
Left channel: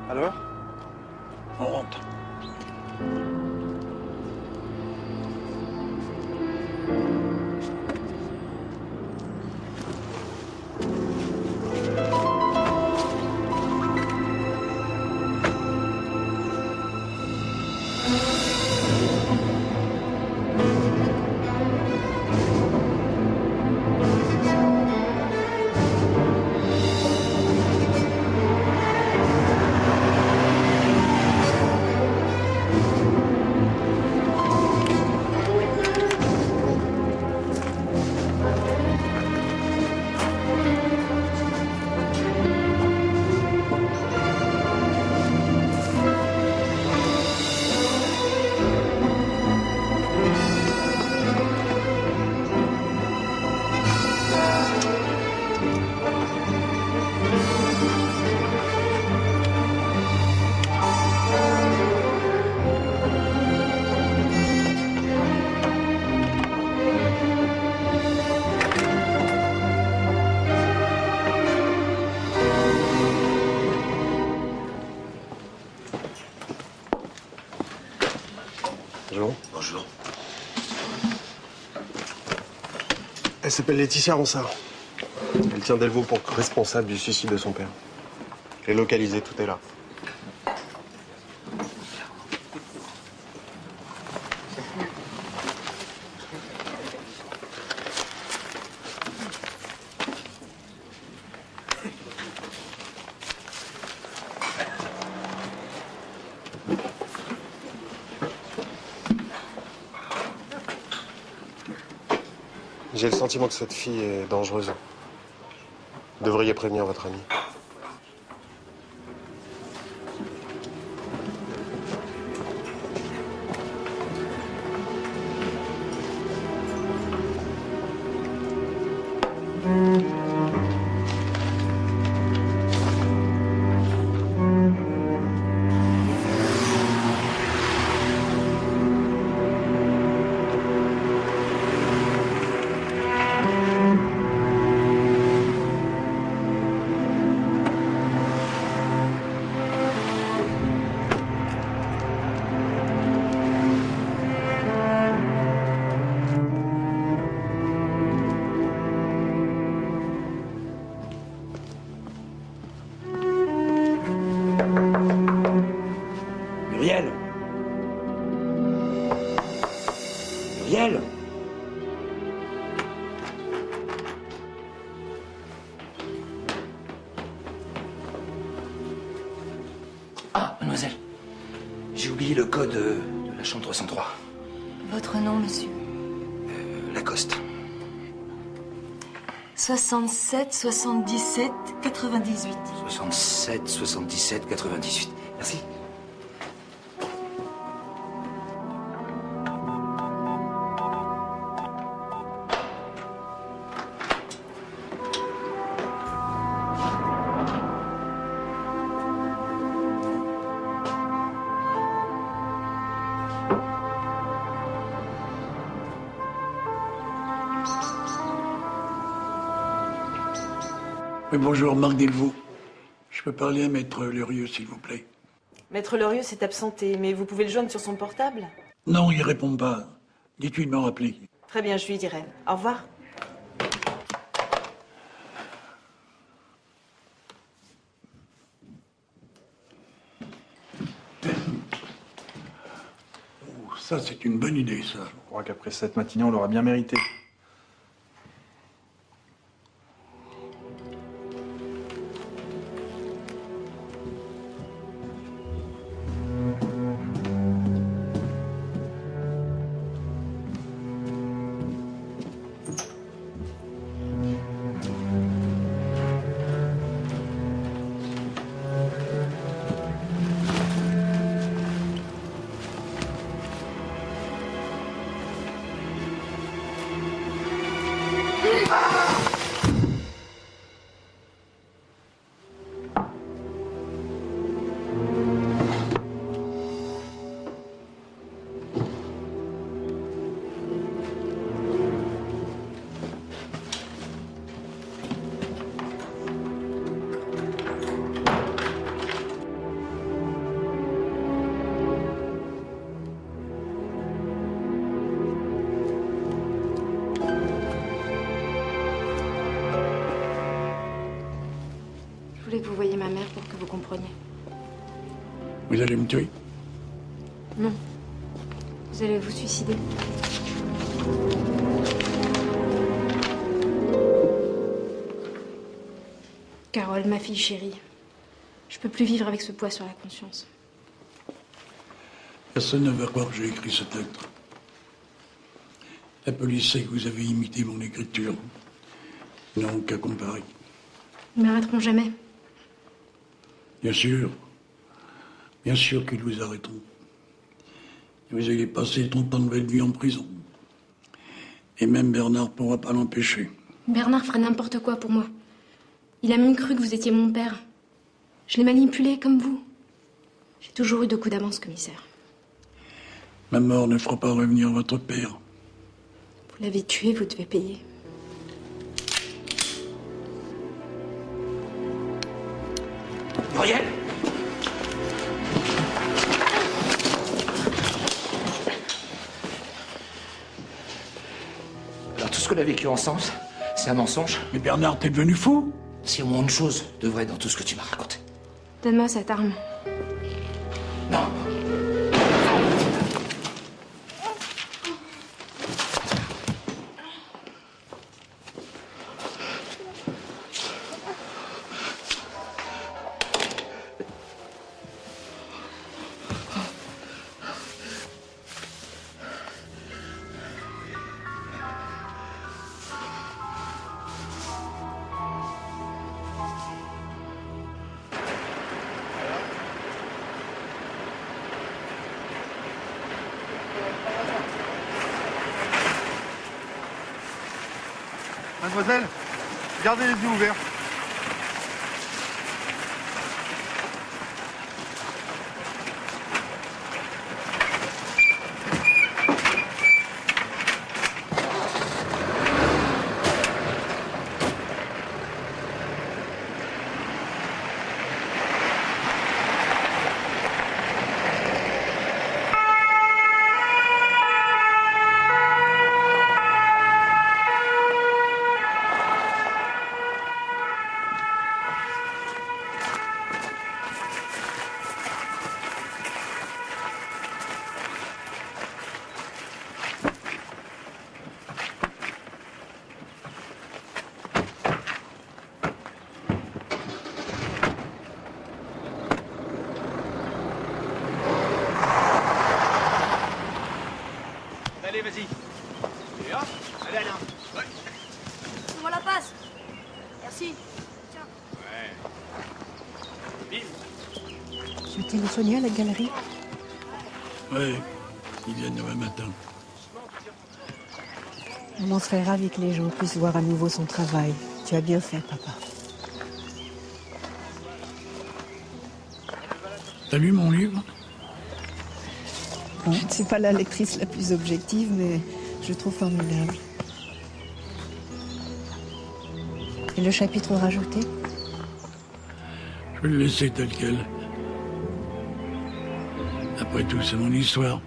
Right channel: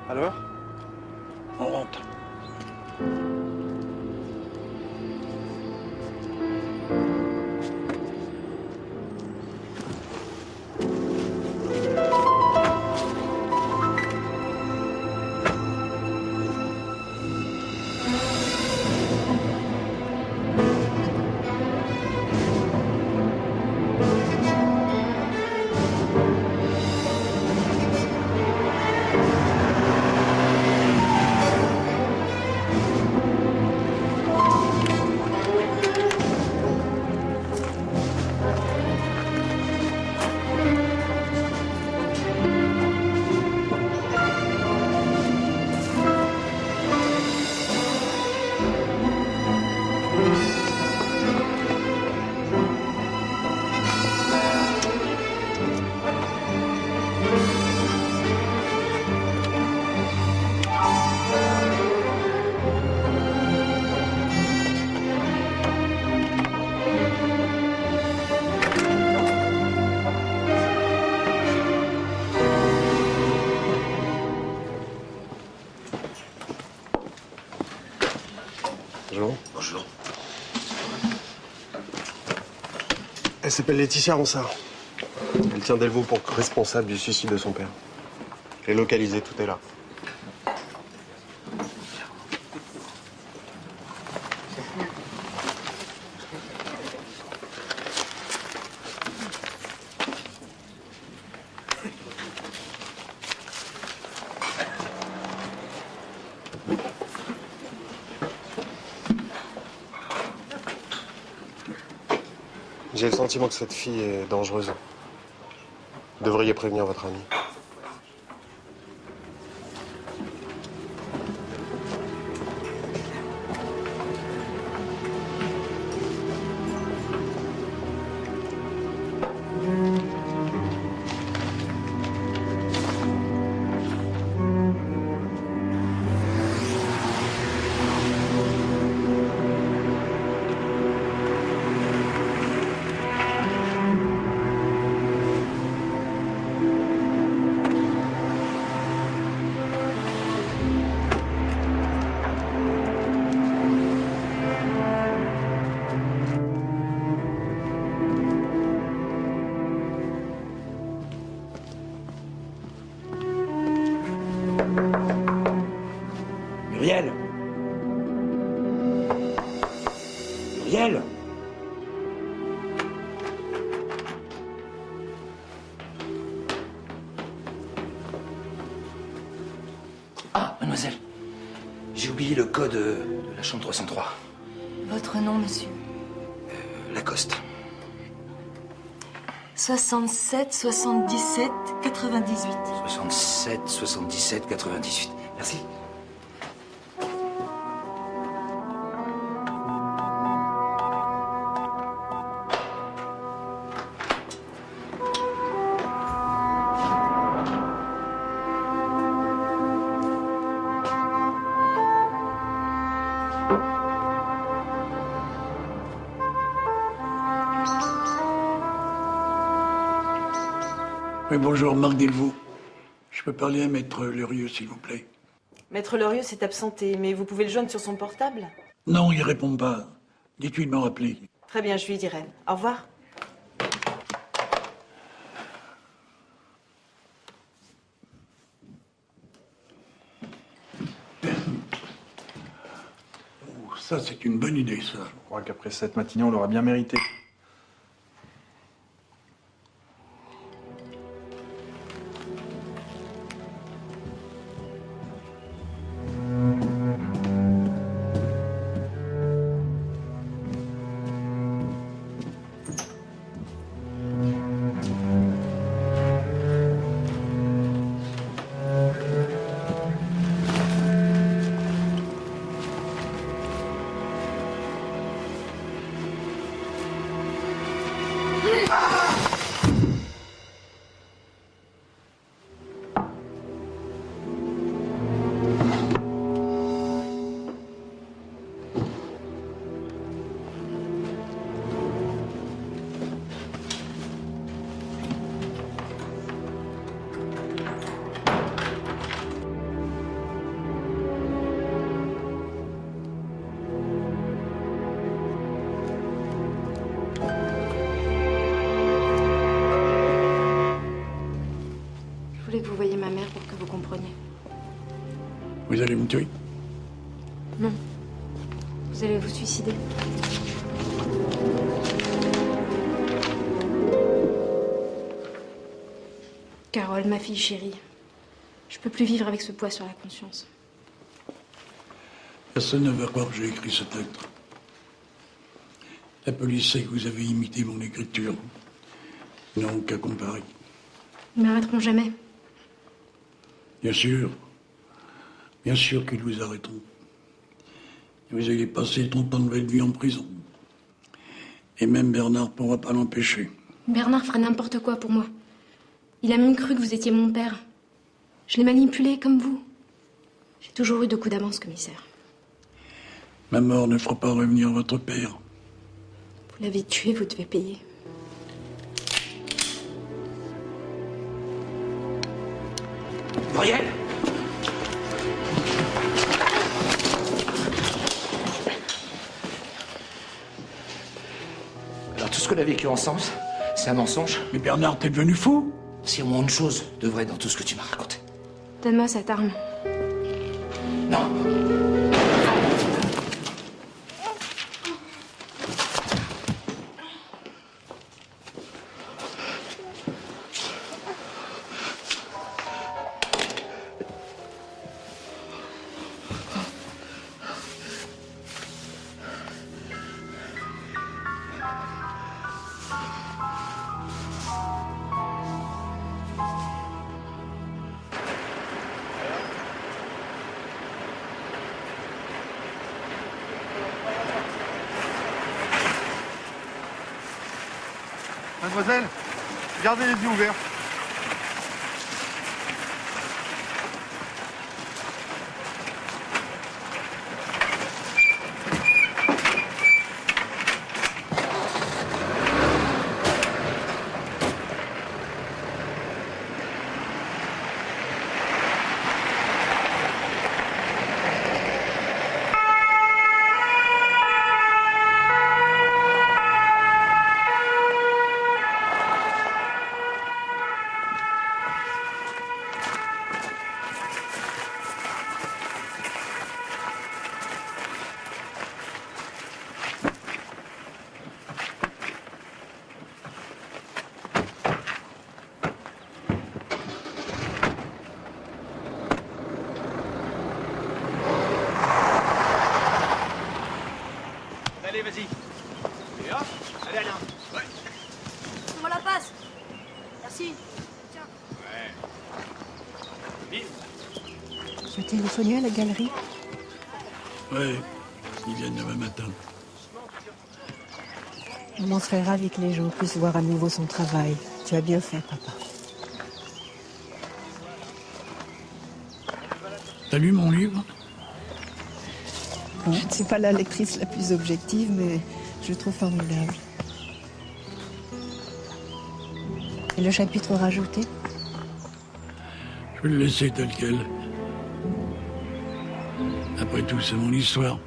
Alors? On rentre. Elle s'appelle Laetitia Ronsard. Elle tient Delvaux pour responsable du suicide de son père. Elle est localisée, tout est là. J'ai le sentiment que cette fille est dangereuse. Vous devriez prévenir votre ami. Muriel! Muriel! Ah, mademoiselle, j'ai oublié le code de la chambre 303. Votre nom, monsieur? Lacoste. 67, 77, 98. 67, 77, 98. Merci. Oui, bonjour, Marc Delvaux. Je peux parler à Maître Lerieux, s'il vous plaît? Maître Lerieux s'est absenté, mais vous pouvez le joindre sur son portable? Non, il répond pas. Dites-lui de me rappeler. Très bien, je lui dirai. Au revoir. Ça, c'est une bonne idée, ça. Je crois qu'après cette matinée, on l'aura bien mérité. Vous allez me tuer? Non. Vous allez vous suicider. Carole, ma fille chérie, je peux plus vivre avec ce poids sur la conscience. Personne ne va croire que j'ai écrit cette lettre. La police sait que vous avez imité mon écriture. Non, qu'à comparer. Ils m'arrêteront jamais. Bien sûr. Bien sûr qu'ils vous arrêteront. Vous allez passer 30 ans de votre vie en prison. Et même Bernard ne pourra pas l'empêcher. Bernard fera n'importe quoi pour moi. Il a même cru que vous étiez mon père. Je l'ai manipulé comme vous. J'ai toujours eu 2 coups d'avance, commissaire. Ma mort ne fera pas revenir votre père. Vous l'avez tué, vous devez payer. Muriel! Tout ce qu'on a vécu vécu ensemble, c'est un mensonge. Mais Bernard, t'es devenu fou? C'est au moins une chose de vrai dans tout ce que tu m'as raconté. Donne-moi cette arme. Non. Mademoiselle, gardez les yeux ouverts. Moi la passe. Merci. Tiens. Souhaitez le soigner à la galerie? Ouais, ils viennent demain matin. Maman serait ravie que les gens puissent voir à nouveau son travail. Tu as bien fait, papa. T'as lu mon livre? Je ne suis pas la lectrice la plus objective, mais je le trouve formidable. Et le chapitre rajouté? Je vais le laisser tel quel. Après tout, c'est mon histoire.